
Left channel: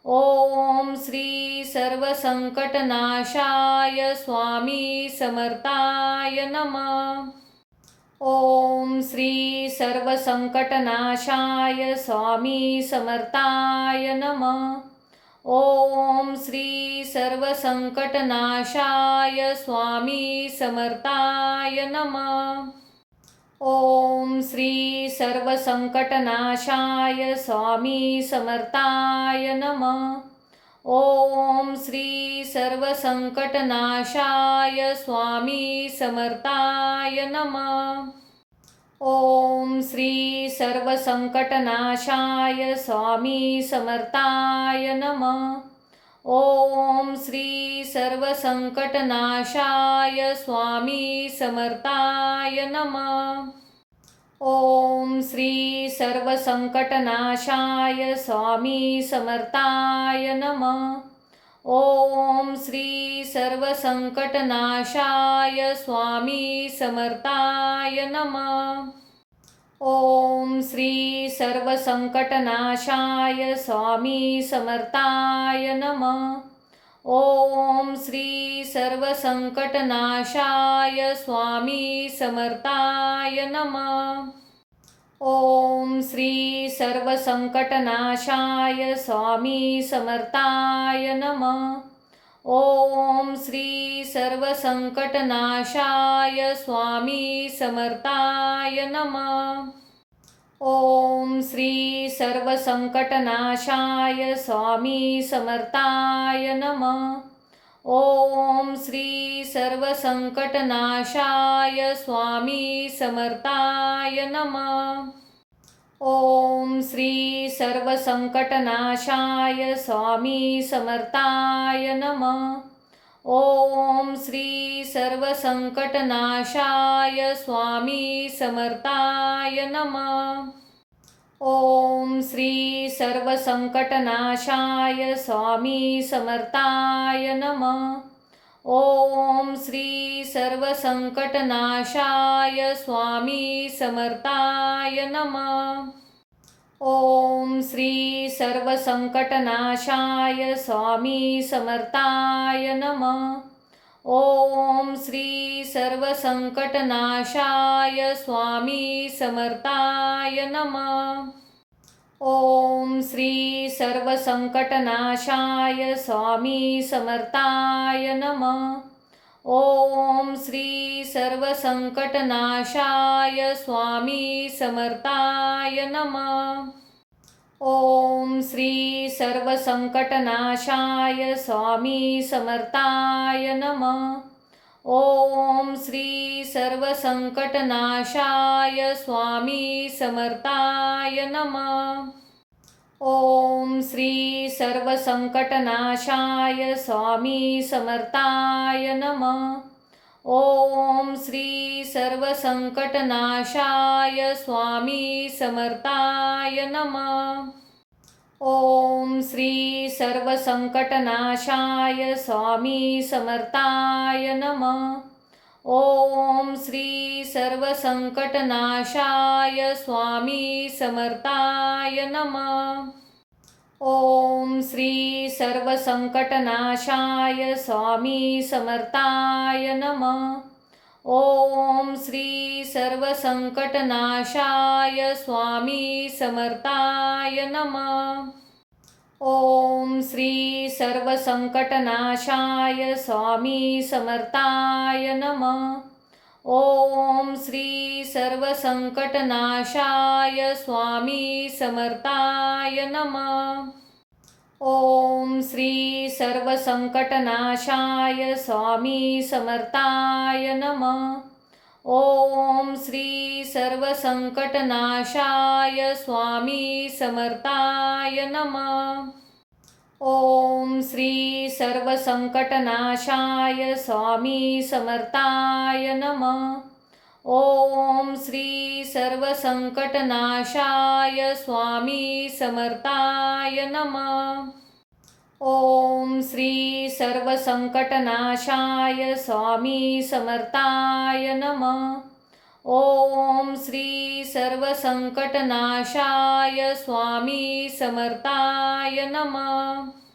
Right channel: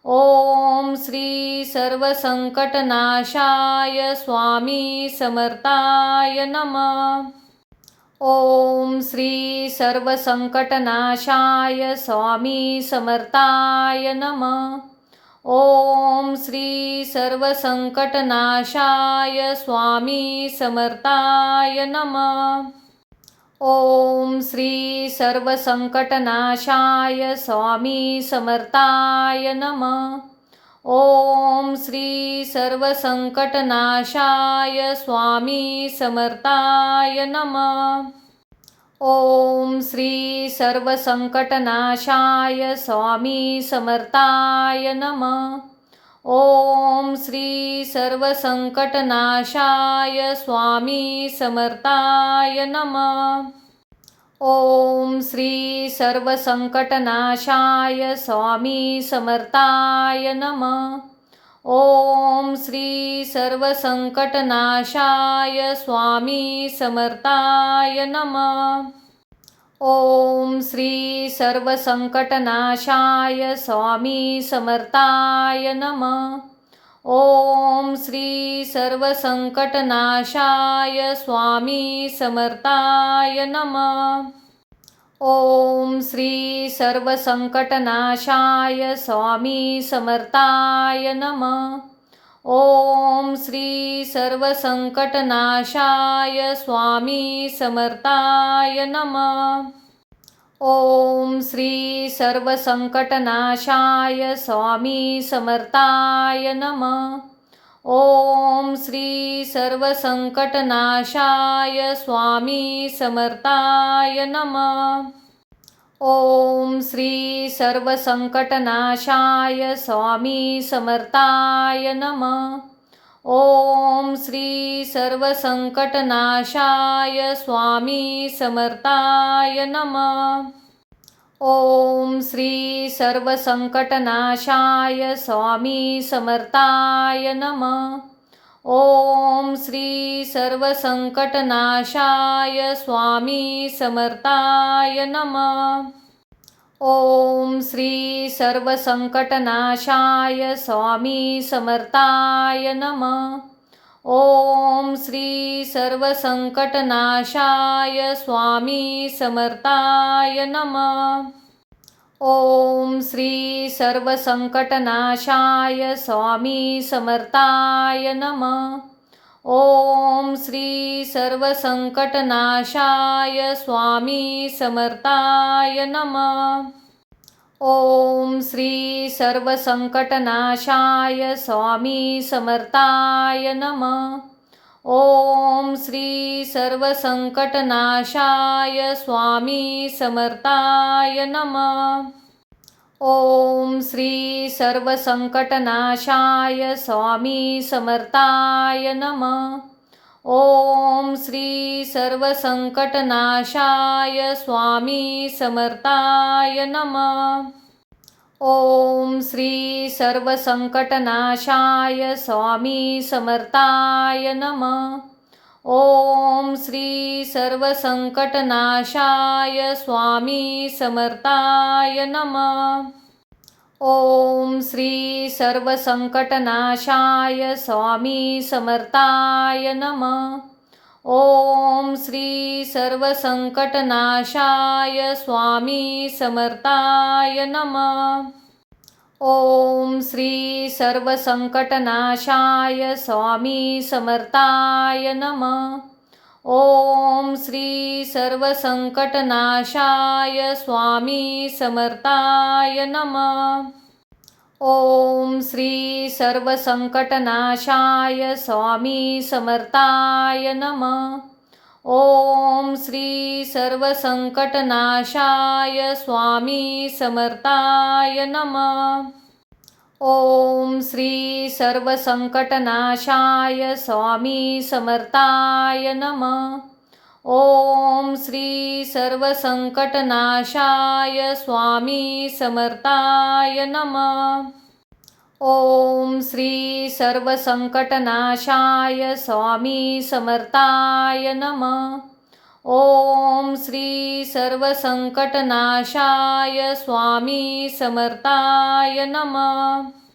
ओम श्री सर्वसंकटनाशाय स्वामी समर्थाय नमः। ओम श्री सर्वसंकटनाशाय स्वामी समर्थाय नमः। ओम श्री सर्वसंकटनाशाय स्वामी समर्थाय नमः। ओम श्री सर्वसंकटनाशाय स्वामी समर्थाय नमः। ओम श्री सर्वसंकटनाशाय स्वामी समर्थाय नमः। ओम श्री सर्वसंकटनाशाय स्वामी समर्थाय नमः। ओम श्री सर्वसंकटनाशाय स्वामी समर्थाय नमः। ओम श्री सर्वसंकटनाशाय स्वामी समर्थाय नमः। ओम श्री सर्वसंकटनाशाय स्वामी समर्थाय नमः। ओम श्री सर्वसंकटनाशाय स्वामी समर्थाय नमः। ओम श्री सर्वसंकटनाशाय स्वामी समर्थाय नमः। ओम श्री सर्वसंकटनाशाय स्वामी समर्थाय नमः। ओम श्री सर्वसंकटनाशाय स्वामी समर्थाय नमः। ओम श्री सर्वसंकटनाशाय स्वामी समर्थाय नमः। ओम श्री सर्वसंकटनाशाय स्वामी समर्थाय नमः। ओम श्री सर्वसंकटनाशाय स्वामी समर्थाय नमः। ओम श्री सर्वसंकटनाशाय स्वामी समर्थाय नमः। ओम श्री सर्वसंकटनाशाय स्वामी समर्थाय नमः। ओम श्री सर्वसंकटनाशाय स्वामी समर्थाय नमः। ओम श्री सर्वसंकटनाशाय स्वामी समर्थाय नमः। ओम श्री सर्वसंकटनाशाय स्वामी समर्थाय नमः। ओम श्री सर्वसंकटनाशाय स्वामी समर्थाय नमः। ओम श्री सर्वसंकटनाशाय स्वामी समर्थाय नमः। ओम श्री सर्वसंकटनाशाय स्वामी समर्थाय नमः। ओम श्री सर्वसंकटनाशाय स्वामी समर्थाय नमः। ओम श्री सर्वसंकटनाशाय स्वामी समर्थाय नमः। ओम श्री सर्वसंकटनाशाय स्वामी समर्थाय नमः। ओम श्री सर्वसंकटनाशाय स्वामी समर्थाय नमः। ओम श्री सर्वसंकटनाशाय स्वामी समर्थाय नमः। ओम श्री सर्वसंकटनाशाय स्वामी समर्थाय नमः। ओम श्री सर्वसंकटनाशाय स्वामी समर्थाय नमः। ओम श्री सर्वसंकटनाशाय स्वामी समर्थाय नमः। ओम श्री सर्वसंकटनाशाय स्वामी समर्थाय नमः। ओम श्री सर्वसंकटनाशाय स्वामी समर्थाय नमः। ओम श्री सर्वसंकटनाशाय स्वामी समर्थाय नमः। ओम श्री सर्वसंकटनाशाय स्वामी समर्थाय नमः। ओम श्री सर्वसंकटनाशाय स्वामी समर्थाय नमः। ओम श्री सर्वसंकटनाशाय स्वामी समर्थाय नमः। ओम श्री सर्वसंकटनाशाय स्वामी समर्थाय नमः।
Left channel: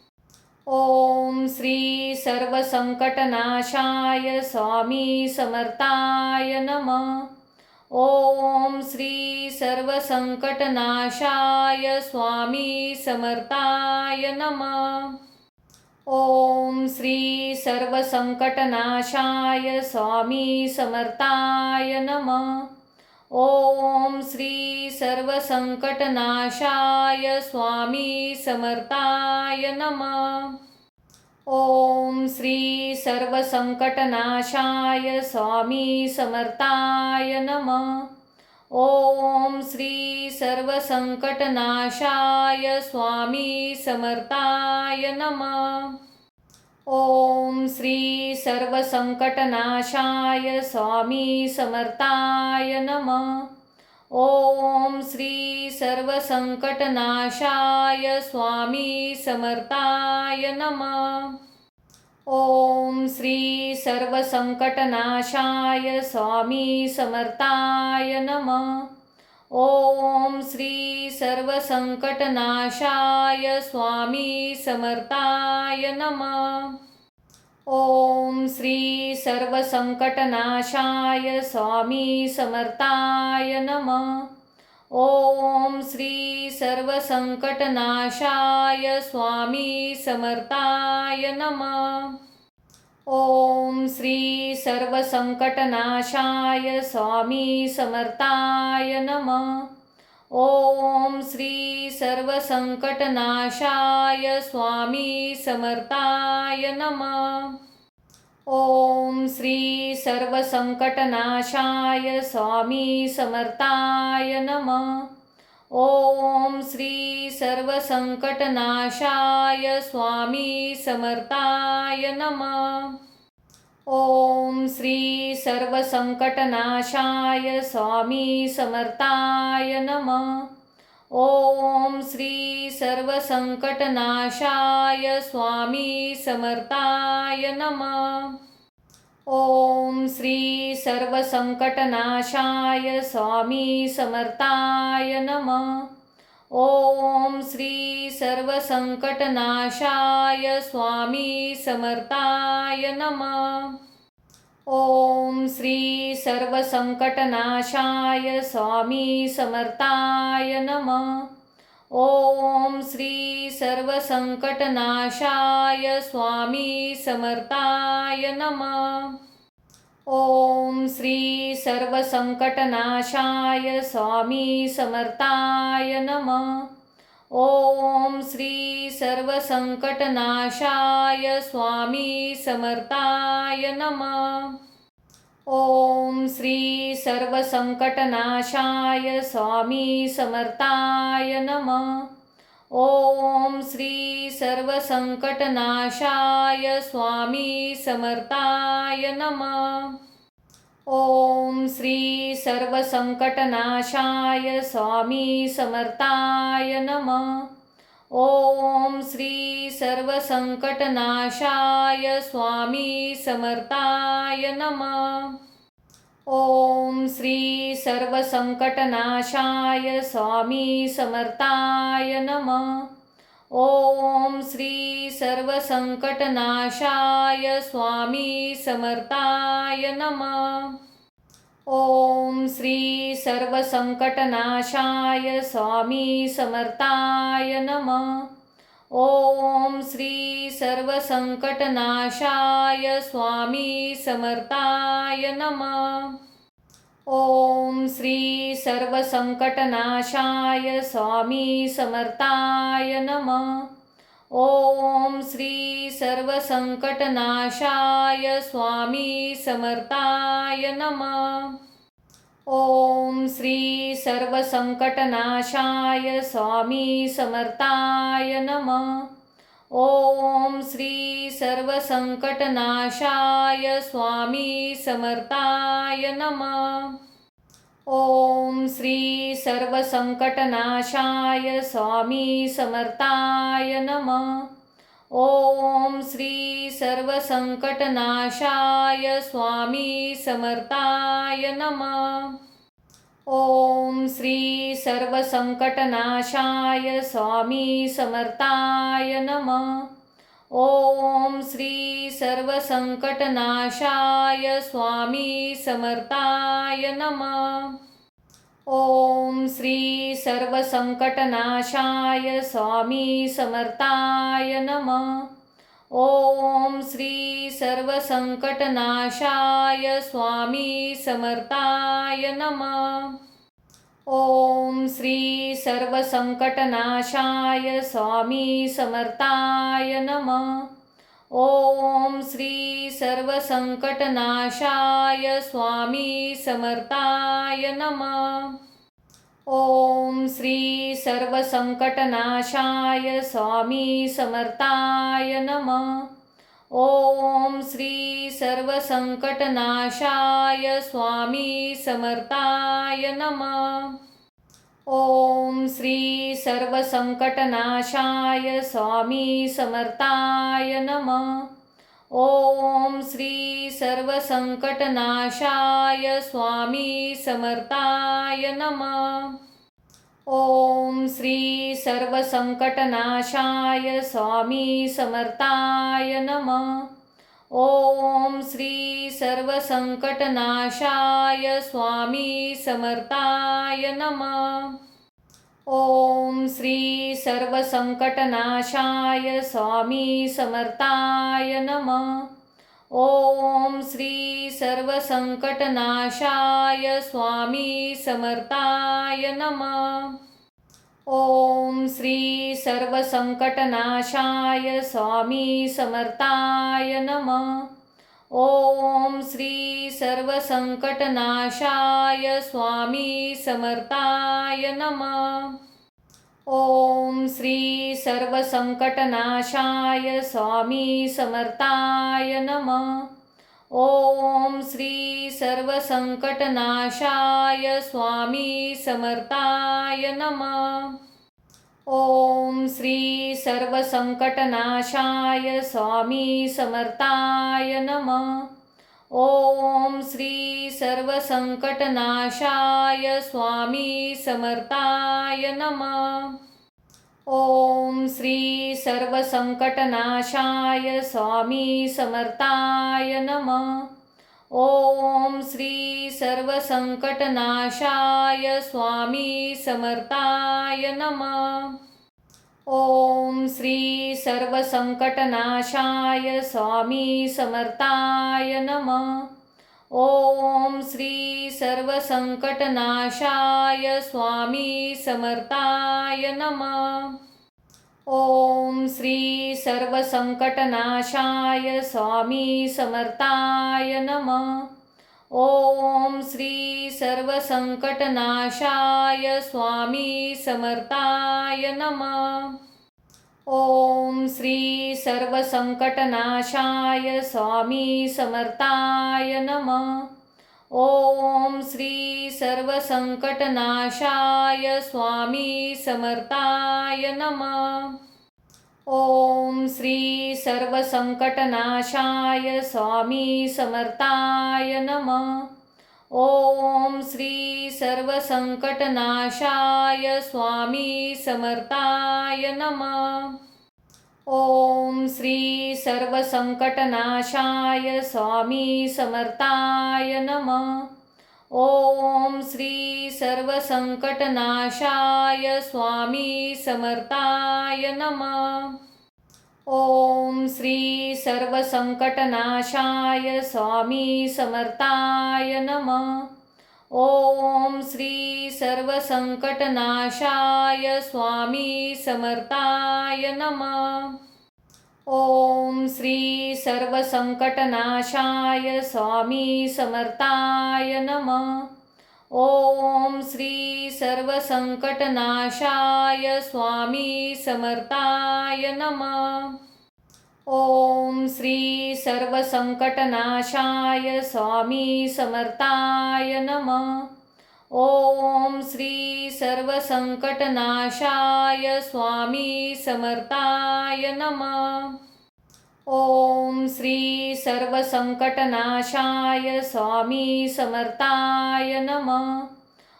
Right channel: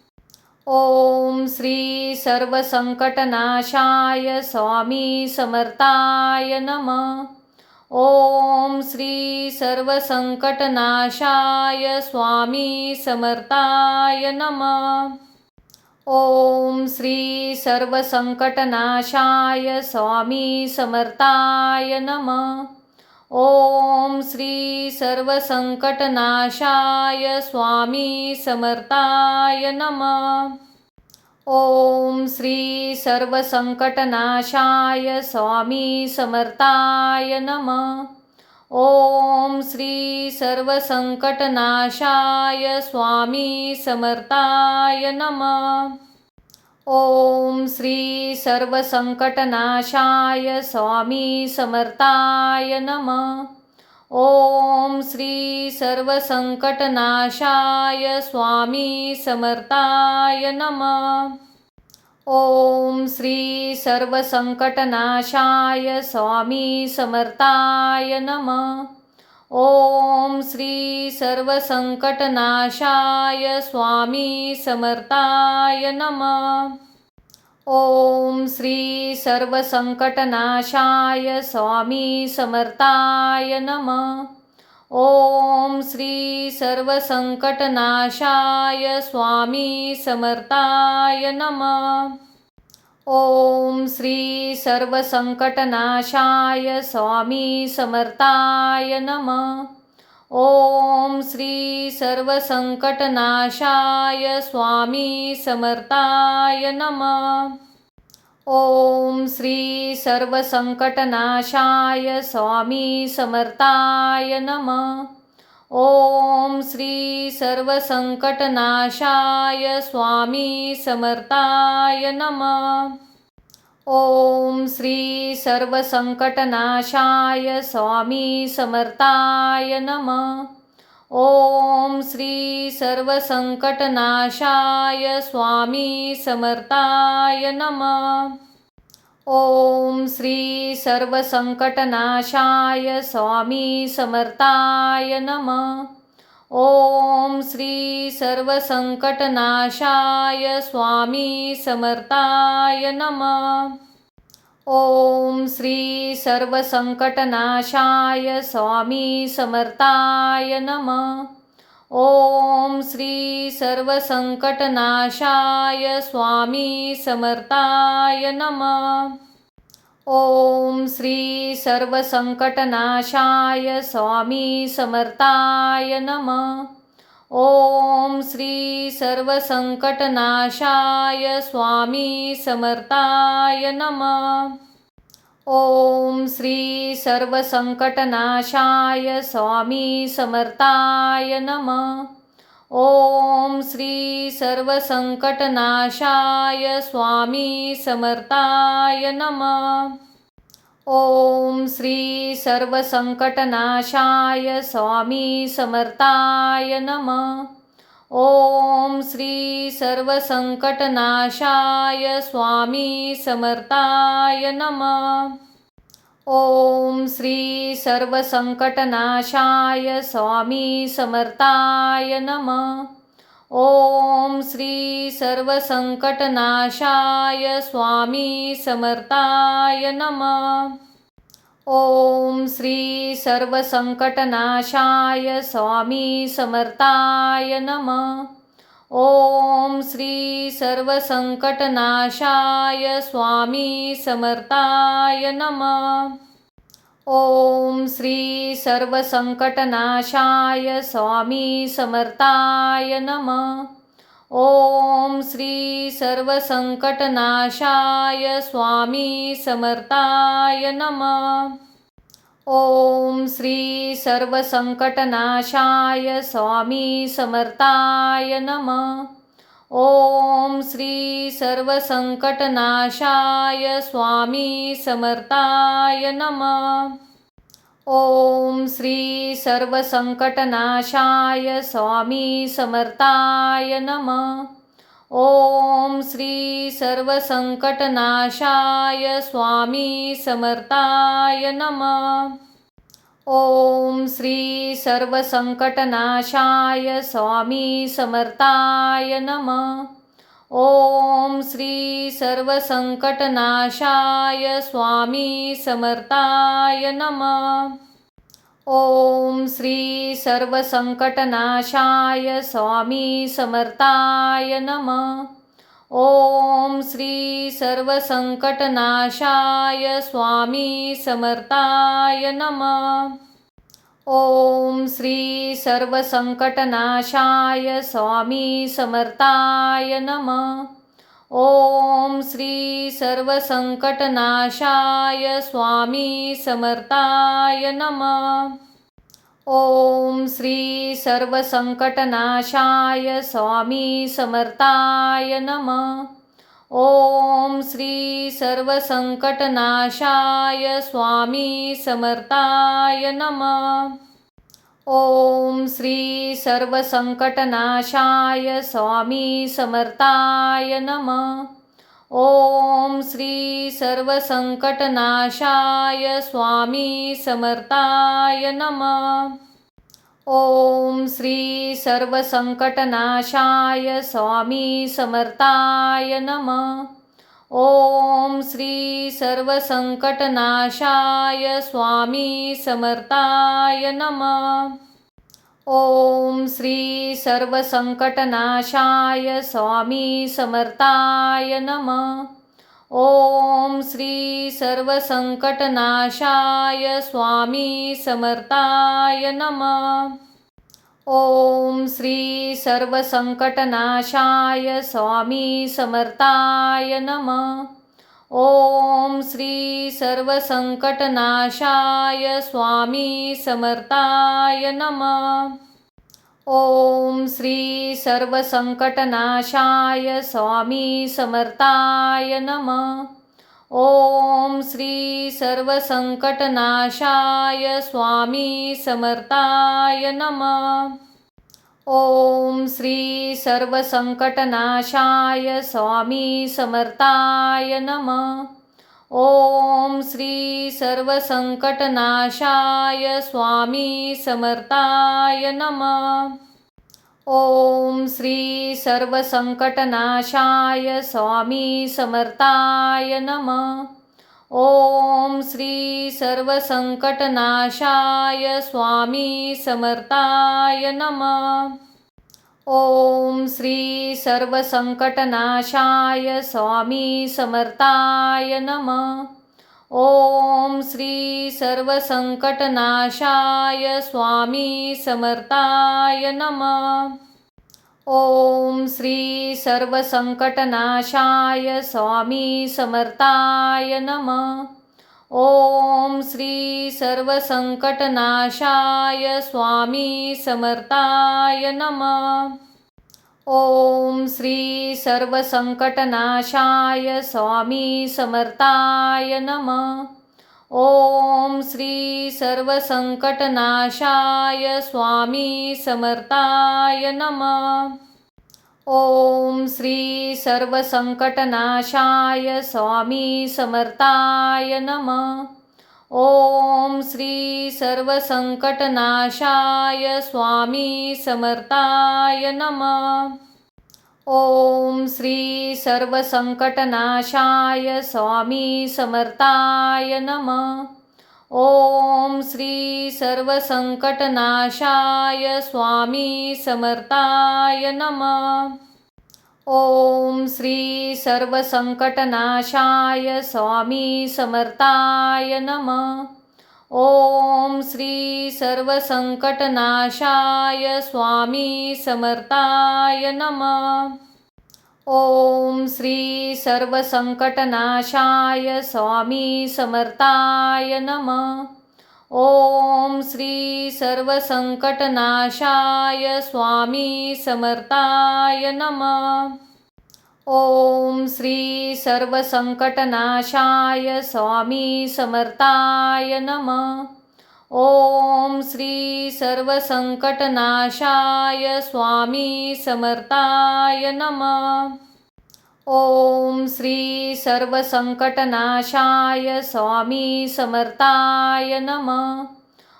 ओम श्री सर्वसंकटनाशाय स्वामी समर्थाय नमः। ओम श्री सर्वसंकटनाशाय स्वामी समर्थाय नमः। ओम श्री सर्वसंकटनाशाय स्वामी समर्थाय नमः। ओम श्री सर्वसंकटनाशाय स्वामी समर्थाय नमः। ओम श्री सर्वसंकटनाशाय स्वामी समर्थाय नमः। ओम श्री सर्वसंकटनाशाय स्वामी समर्थाय नमः। ओम श्री सर्वसंकटनाशाय स्वामी समर्थाय नमः। ओम श्री सर्वसंकटनाशाय स्वामी समर्थाय नमः। ओम श्री सर्वसंकटनाशाय स्वामी समर्थाय नमः। ओम श्री सर्वसंकटनाशाय स्वामी समर्थाय नमः। ओम श्री सर्वसंकटनाशाय स्वामी समर्थाय नमः। ओम श्री सर्वसंकटनाशाय स्वामी समर्थाय नमः। ओम श्री सर्वसंकटनाशाय स्वामी समर्थाय नमः। ओम श्री सर्वसंकटनाशाय स्वामी समर्थाय नमः। ओम श्री सर्वसंकटनाशाय स्वामी समर्थाय नमः। ओम श्री सर्वसंकटनाशाय स्वामी समर्थाय नमः। ओम श्री सर्वसंकटनाशाय स्वामी समर्थाय नमः। ओम श्री सर्वसंकटनाशाय स्वामी समर्थाय नमः। ओम श्री सर्वसंकटनाशाय स्वामी समर्थाय नमः। ओम श्री सर्वसंकटनाशाय स्वामी समर्थाय नमः। ओम श्री सर्वसंकटनाशाय स्वामी समर्थाय नमः। ओम श्री सर्वसंकटनाशाय स्वामी समर्थाय नमः। ओम श्री सर्वसंकटनाशाय स्वामी समर्थाय नमः। ओम श्री सर्वसंकटनाशाय स्वामी समर्थाय नमः। ओम श्री सर्वसंकटनाशाय स्वामी समर्थाय नमः। ओम श्री सर्वसंकटनाशाय स्वामी समर्थाय नमः। ओम श्री सर्वसंकटनाशाय स्वामी समर्थाय नमः। ओम श्री सर्वसंकटनाशाय स्वामी समर्थाय नमः। ओम श्री सर्वसंकटनाशाय स्वामी समर्थाय नमः। ओम श्री सर्वसंकटनाशाय स्वामी समर्थाय नमः। ओम श्री सर्वसंकटनाशाय स्वामी समर्थाय नमः। ओम श्री सर्वसंकटनाशाय स्वामी समर्थाय नमः। ओम श्री सर्वसंकटनाशाय स्वामी समर्थाय नमः। ओम श्री सर्वसंकटनाशाय स्वामी समर्थाय नमः। ओम श्री सर्वसंकटनाशाय स्वामी समर्थाय नमः। ओम श्री सर्वसंकटनाशाय स्वामी समर्थाय नमः। ओम श्री सर्वसंकटनाशाय स्वामी समर्थाय नमः। ओम श्री सर्वसंकटनाशाय स्वामी समर्थाय नमः। ओम श्री सर्वसंकटनाशाय स्वामी समर्थाय नमः। ओम श्री सर्वसंकटनाशाय स्वामी समर्थाय नमः। ओम श्री सर्वसंकटनाशाय स्वामी समर्थाय नमः। ओम श्री सर्वसंकटनाशाय स्वामी समर्थाय नमः। ओम श्री सर्वसंकटनाशाय स्वामी समर्थाय नमः। ओम श्री सर्वसंकटनाशाय स्वामी समर्थाय नमः। ओम श्री सर्वसंकटनाशाय स्वामी समर्थाय नमः। ओम श्री सर्वसंकटनाशाय स्वामी समर्थाय नमः। ओम श्री सर्वसंकटनाशाय स्वामी समर्थाय नमः। ओम श्री सर्वसंकटनाशाय स्वामी समर्थाय नमः। ओम श्री सर्वसंकटनाशाय स्वामी समर्थाय नमः। ओम श्री सर्वसंकटनाशाय स्वामी समर्थाय नमः। ओम श्री सर्वसंकटनाशाय स्वामी समर्थाय नमः। ओम श्री सर्वसंकटनाशाय स्वामी समर्थाय नमः। ओम श्री सर्वसंकटनाशाय स्वामी समर्थाय नमः। ओम श्री सर्वसंकटनाशाय स्वामी समर्थाय नमः। ओम श्री सर्वसंकटनाशाय स्वामी समर्थाय नमः। ओम श्री सर्वसंकटनाशाय स्वामी समर्थाय नमः। ओम श्री सर्वसंकटनाशाय स्वामी समर्थाय नमः। ओम श्री सर्वसंकटनाशाय स्वामी समर्थाय नमः। ओम श्री सर्वसंकटनाशाय स्वामी समर्थाय नमः। ओम श्री सर्वसंकटनाशाय स्वामी समर्थाय नमः। ओम श्री सर्वसंकटनाशाय स्वामी समर्थाय नमः। ओम श्री सर्वसंकटनाशाय स्वामी समर्थाय नमः। ओम श्री सर्वसंकटनाशाय स्वामी समर्थाय नमः। ओम श्री सर्वसंकटनाशाय स्वामी समर्थाय नमः। ओम श्री सर्वसंकटनाशाय स्वामी समर्थाय नमः। ओम श्री सर्वसंकटनाशाय स्वामी समर्थाय नमः। ओम श्री सर्वसंकटनाशाय स्वामी समर्थाय नमः। ओम श्री सर्वसंकटनाशाय स्वामी समर्थाय नमः। ओम श्री सर्वसंकटनाशाय स्वामी समर्थाय नमः। ओम श्री सर्वसंकटनाशाय स्वामी समर्थाय नमः। ओम श्री सर्वसंकटनाशाय स्वामी समर्थाय नमः। ओम श्री सर्वसंकटनाशाय स्वामी समर्थाय नमः। ओम श्री सर्वसंकटनाशाय स्वामी समर्थाय नमः। ओम श्री सर्वसंकटनाशाय स्वामी समर्थाय नमः। ओम श्री सर्वसंकटनाशाय स्वामी समर्थाय नमः। ओम श्री सर्वसंकटनाशाय स्वामी समर्थाय नमः। ओम श्री सर्वसंकटनाशाय स्वामी समर्थाय नमः।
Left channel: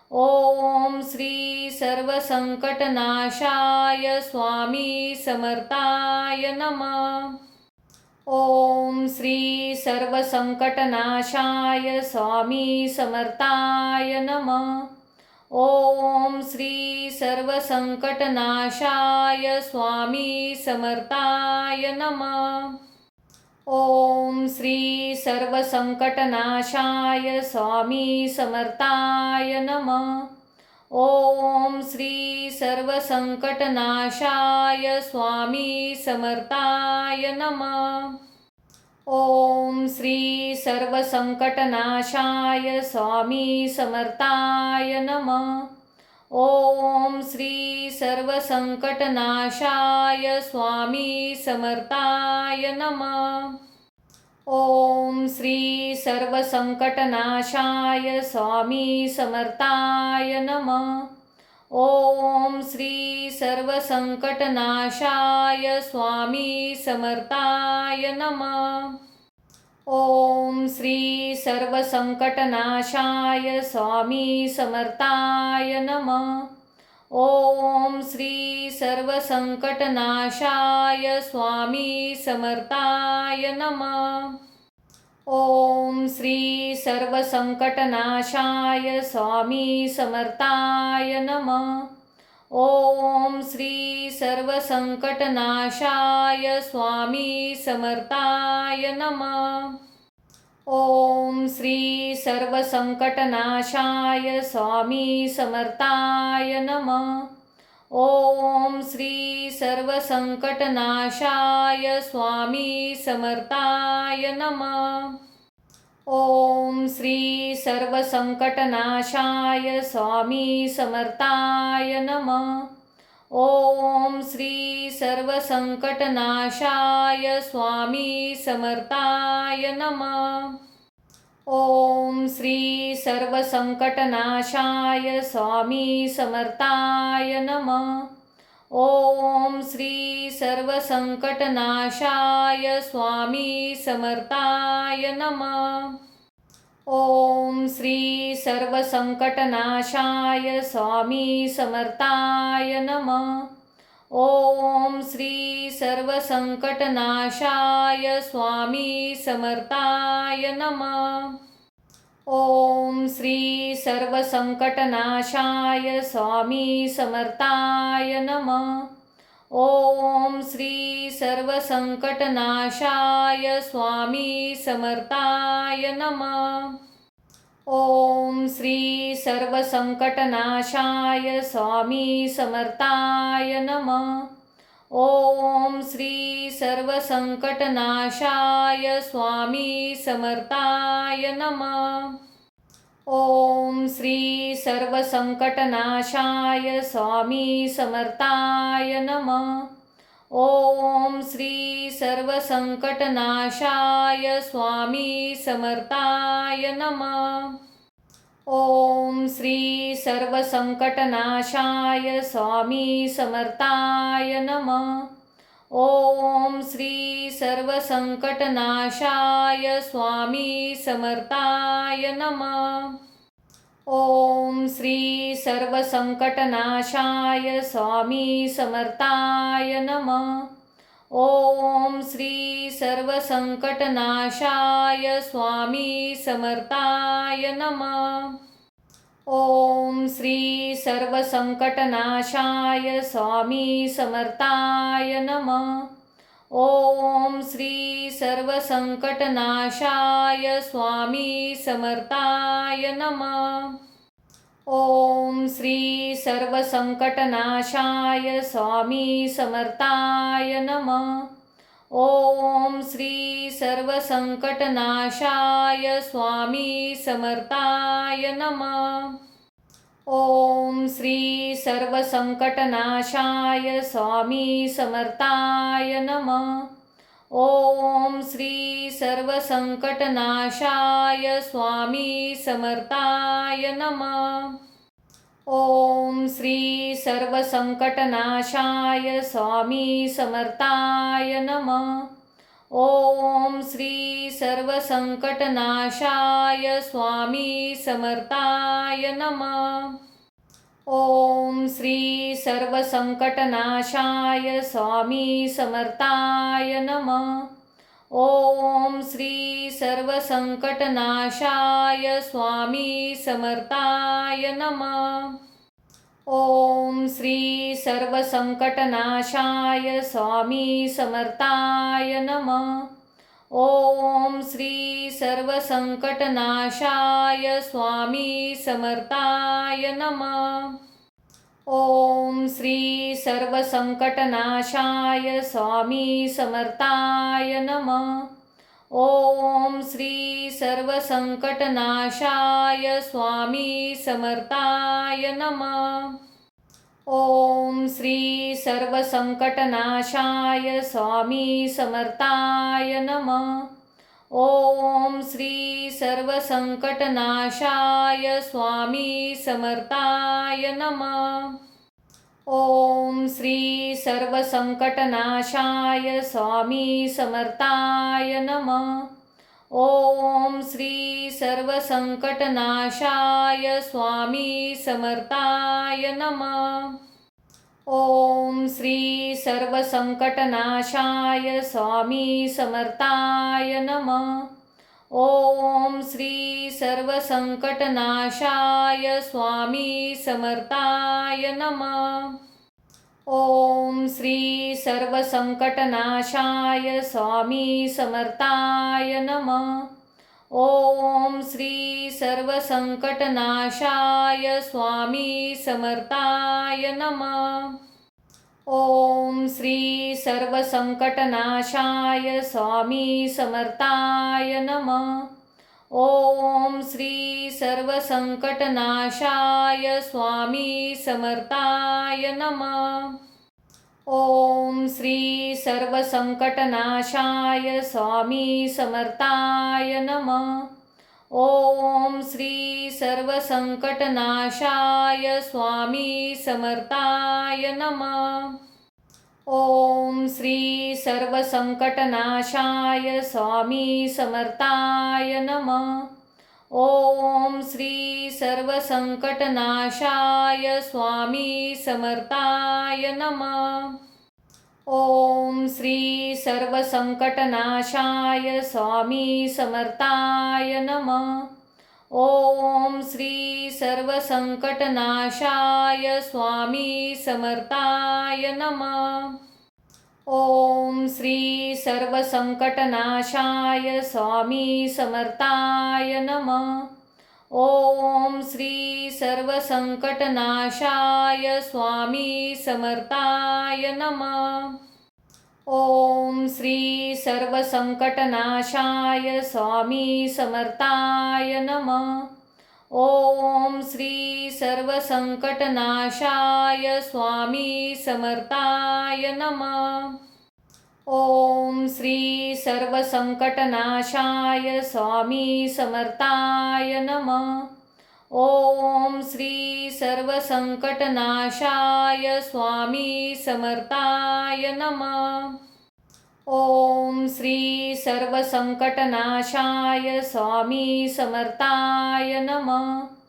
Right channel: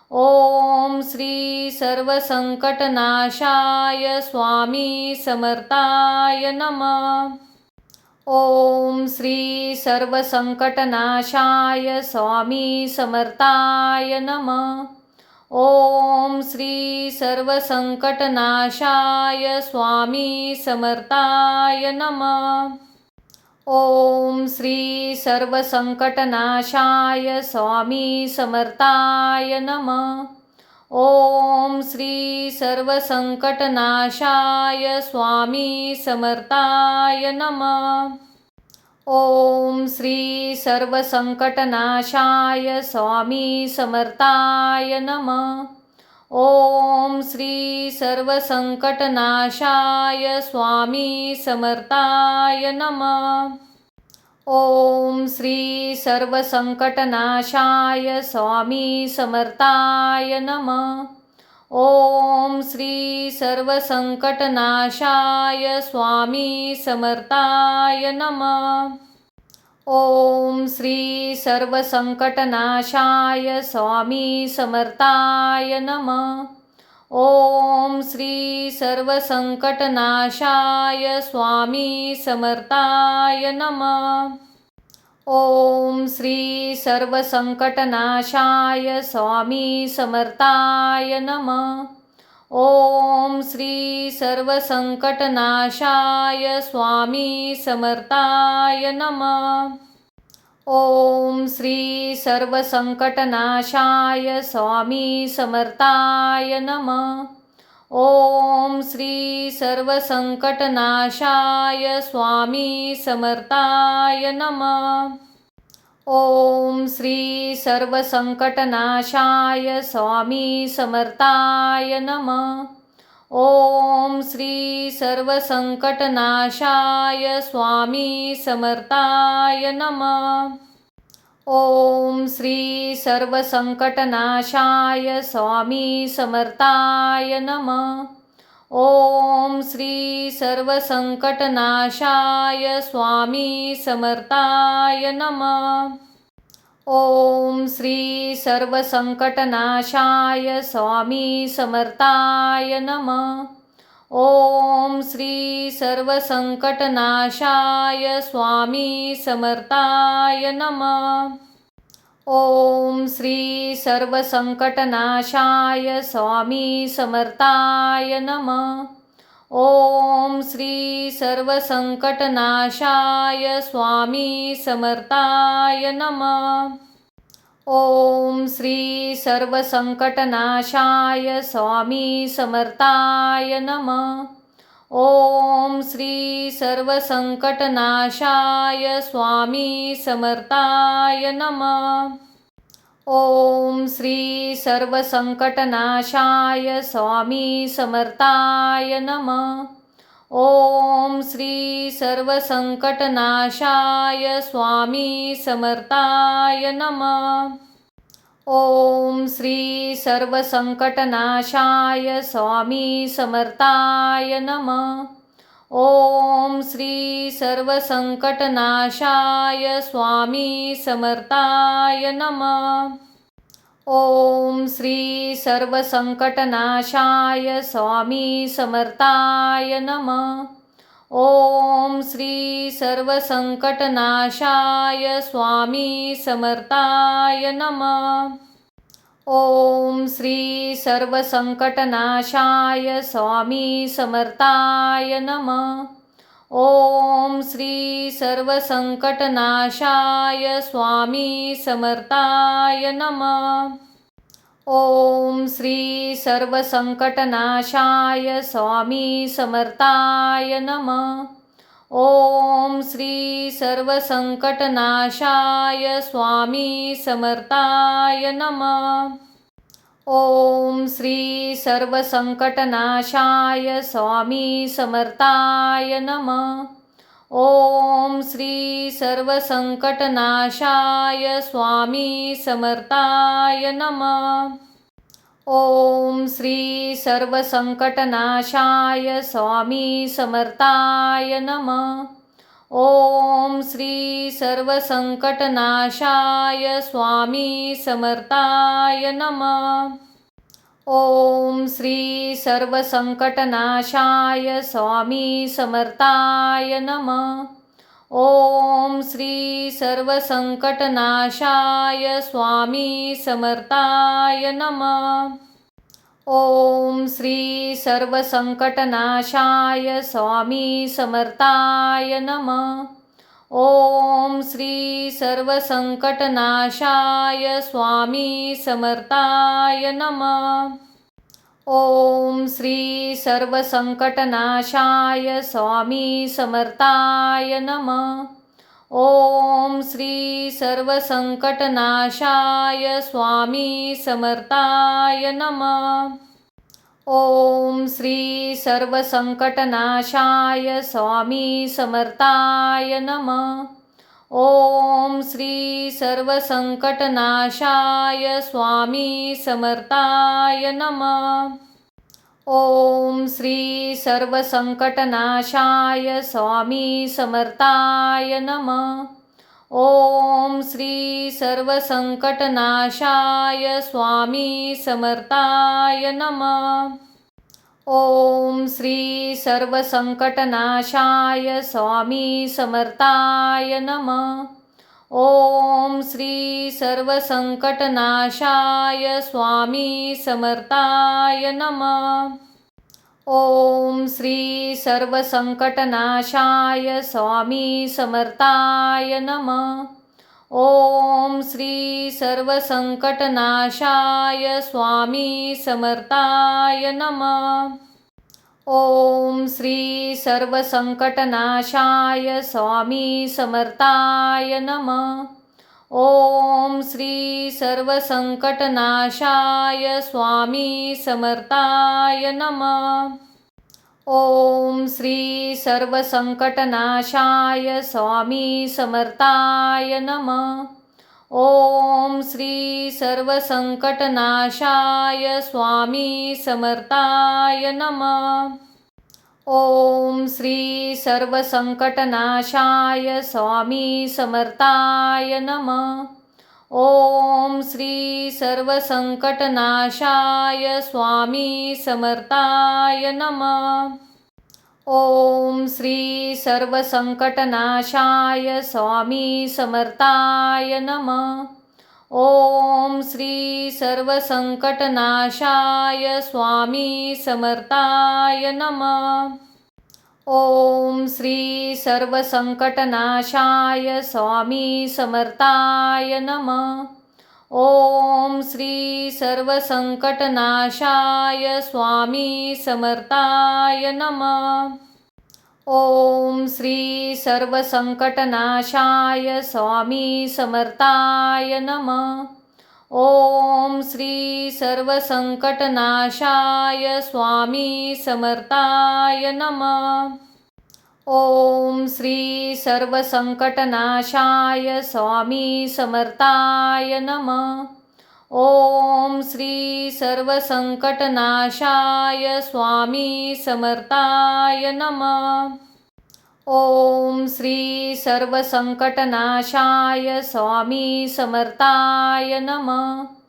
ओम श्री सर्वसंकटनाशाय स्वामी समर्थाय नमः। ओम श्री सर्वसंकटनाशाय स्वामी समर्थाय नमः। ओम श्री सर्वसंकटनाशाय स्वामी समर्थाय नमः। ओम श्री सर्वसंकटनाशाय स्वामी समर्थाय नमः। ओम श्री सर्वसंकटनाशाय स्वामी समर्थाय नमः। ओम श्री सर्वसंकटनाशाय स्वामी समर्थाय नमः। ओम श्री सर्वसंकटनाशाय स्वामी समर्थाय नमः। ओम श्री सर्वसंकटनाशाय स्वामी समर्थाय नमः। ओम श्री सर्वसंकटनाशाय स्वामी समर्थाय नमः। ओम श्री सर्वसंकटनाशाय स्वामी समर्थाय नमः। ओम श्री सर्वसंकटनाशाय स्वामी समर्थाय नमः। ओम श्री सर्वसंकटनाशाय स्वामी समर्थाय नमः। ओम श्री सर्वसंकटनाशाय स्वामी समर्थाय नमः। ओम श्री सर्वसंकटनाशाय स्वामी समर्थाय नमः। ओम श्री सर्वसंकटनाशाय स्वामी समर्थाय नमः। ओम श्री सर्वसंकटनाशाय स्वामी समर्थाय नमः। ओम श्री सर्वसंकटनाशाय स्वामी समर्थाय नमः। ओम श्री सर्वसंकटनाशाय स्वामी समर्थाय नमः। ओम श्री सर्वसंकटनाशाय स्वामी समर्थाय नमः। ओम श्री सर्वसंकटनाशाय स्वामी समर्थाय नमः। ओम श्री सर्वसंकटनाशाय स्वामी समर्थाय नमः। ओम श्री सर्वसंकटनाशाय स्वामी समर्थाय नमः। ओम श्री सर्वसंकटनाशाय स्वामी समर्थाय नमः। ओम श्री सर्वसंकटनाशाय स्वामी समर्थाय नमः। ओम श्री सर्वसंकटनाशाय स्वामी समर्थाय नमः। ओम श्री सर्वसंकटनाशाय स्वामी समर्थाय नमः। ओम श्री सर्वसंकटनाशाय स्वामी समर्थाय नमः। ओम श्री सर्वसंकटनाशाय स्वामी समर्थाय नमः। ओम श्री सर्वसंकटनाशाय स्वामी समर्थाय नमः। ओम श्री सर्वसंकटनाशाय स्वामी समर्थाय नमः। ओम श्री सर्वसंकटनाशाय स्वामी समर्थाय नमः। ओम श्री सर्वसंकटनाशाय स्वामी समर्थाय नमः। ओम श्री सर्वसंकटनाशाय स्वामी समर्थाय नमः। ओम श्री सर्वसंकटनाशाय स्वामी समर्थाय नमः। ओम श्री सर्वसंकटनाशाय स्वामी समर्थाय नमः। ओम श्री सर्वसंकटनाशाय स्वामी समर्थाय नमः। ओम श्री सर्वसंकटनाशाय स्वामी समर्थाय नमः। ओम श्री सर्वसंकटनाशाय स्वामी समर्थाय नमः। ओम श्री सर्वसंकटनाशाय स्वामी समर्थाय नमः। ओम श्री सर्वसंकटनाशाय स्वामी समर्थाय नमः। ओम श्री सर्वसंकटनाशाय स्वामी समर्थाय नमः। ओम श्री सर्वसंकटनाशाय स्वामी समर्थाय नमः। ओम श्री सर्वसंकटनाशाय स्वामी समर्थाय नमः। ओम श्री सर्वसंकटनाशाय स्वामी समर्थाय नमः। ओम श्री सर्वसंकटनाशाय स्वामी समर्थाय नमः। ओम श्री सर्वसंकटनाशाय स्वामी समर्थाय नमः। ओम श्री सर्वसंकटनाशाय स्वामी समर्थाय नमः। ओम श्री सर्वसंकटनाशाय स्वामी समर्थाय नमः। ओम श्री सर्वसंकटनाशाय स्वामी समर्थाय नमः। ओम श्री सर्वसंकटनाशाय स्वामी समर्थाय नमः। ओम श्री सर्वसंकटनाशाय स्वामी समर्थाय नमः। ओम श्री सर्वसंकटनाशाय स्वामी समर्थाय नमः। ओम श्री सर्वसंकटनाशाय स्वामी समर्थाय नमः। ओम श्री सर्वसंकटनाशाय स्वामी समर्थाय नमः। ओम श्री सर्वसंकटनाशाय स्वामी समर्थाय नमः। ओम श्री सर्वसंकटनाशाय स्वामी समर्थाय नमः। ओम श्री सर्वसंकटनाशाय स्वामी समर्थाय नमः। ओम श्री सर्वसंकटनाशाय स्वामी समर्थाय नमः। ओम श्री सर्वसंकटनाशाय स्वामी समर्थाय नमः। ओम श्री सर्वसंकटनाशाय स्वामी समर्थाय नमः। ओम श्री सर्वसंकटनाशाय स्वामी समर्थाय नमः। ओम श्री सर्वसंकटनाशाय स्वामी समर्थाय नमः। ओम श्री सर्वसंकटनाशाय स्वामी समर्थाय नमः। ओम श्री सर्वसंकटनाशाय स्वामी समर्थाय नमः। ओम श्री सर्वसंकटनाशाय स्वामी समर्थाय नमः। ओम श्री सर्वसंकटनाशाय स्वामी समर्थाय नमः। ओम श्री सर्वसंकटनाशाय स्वामी समर्थाय नमः। ओम श्री सर्वसंकटनाशाय स्वामी समर्थाय नमः।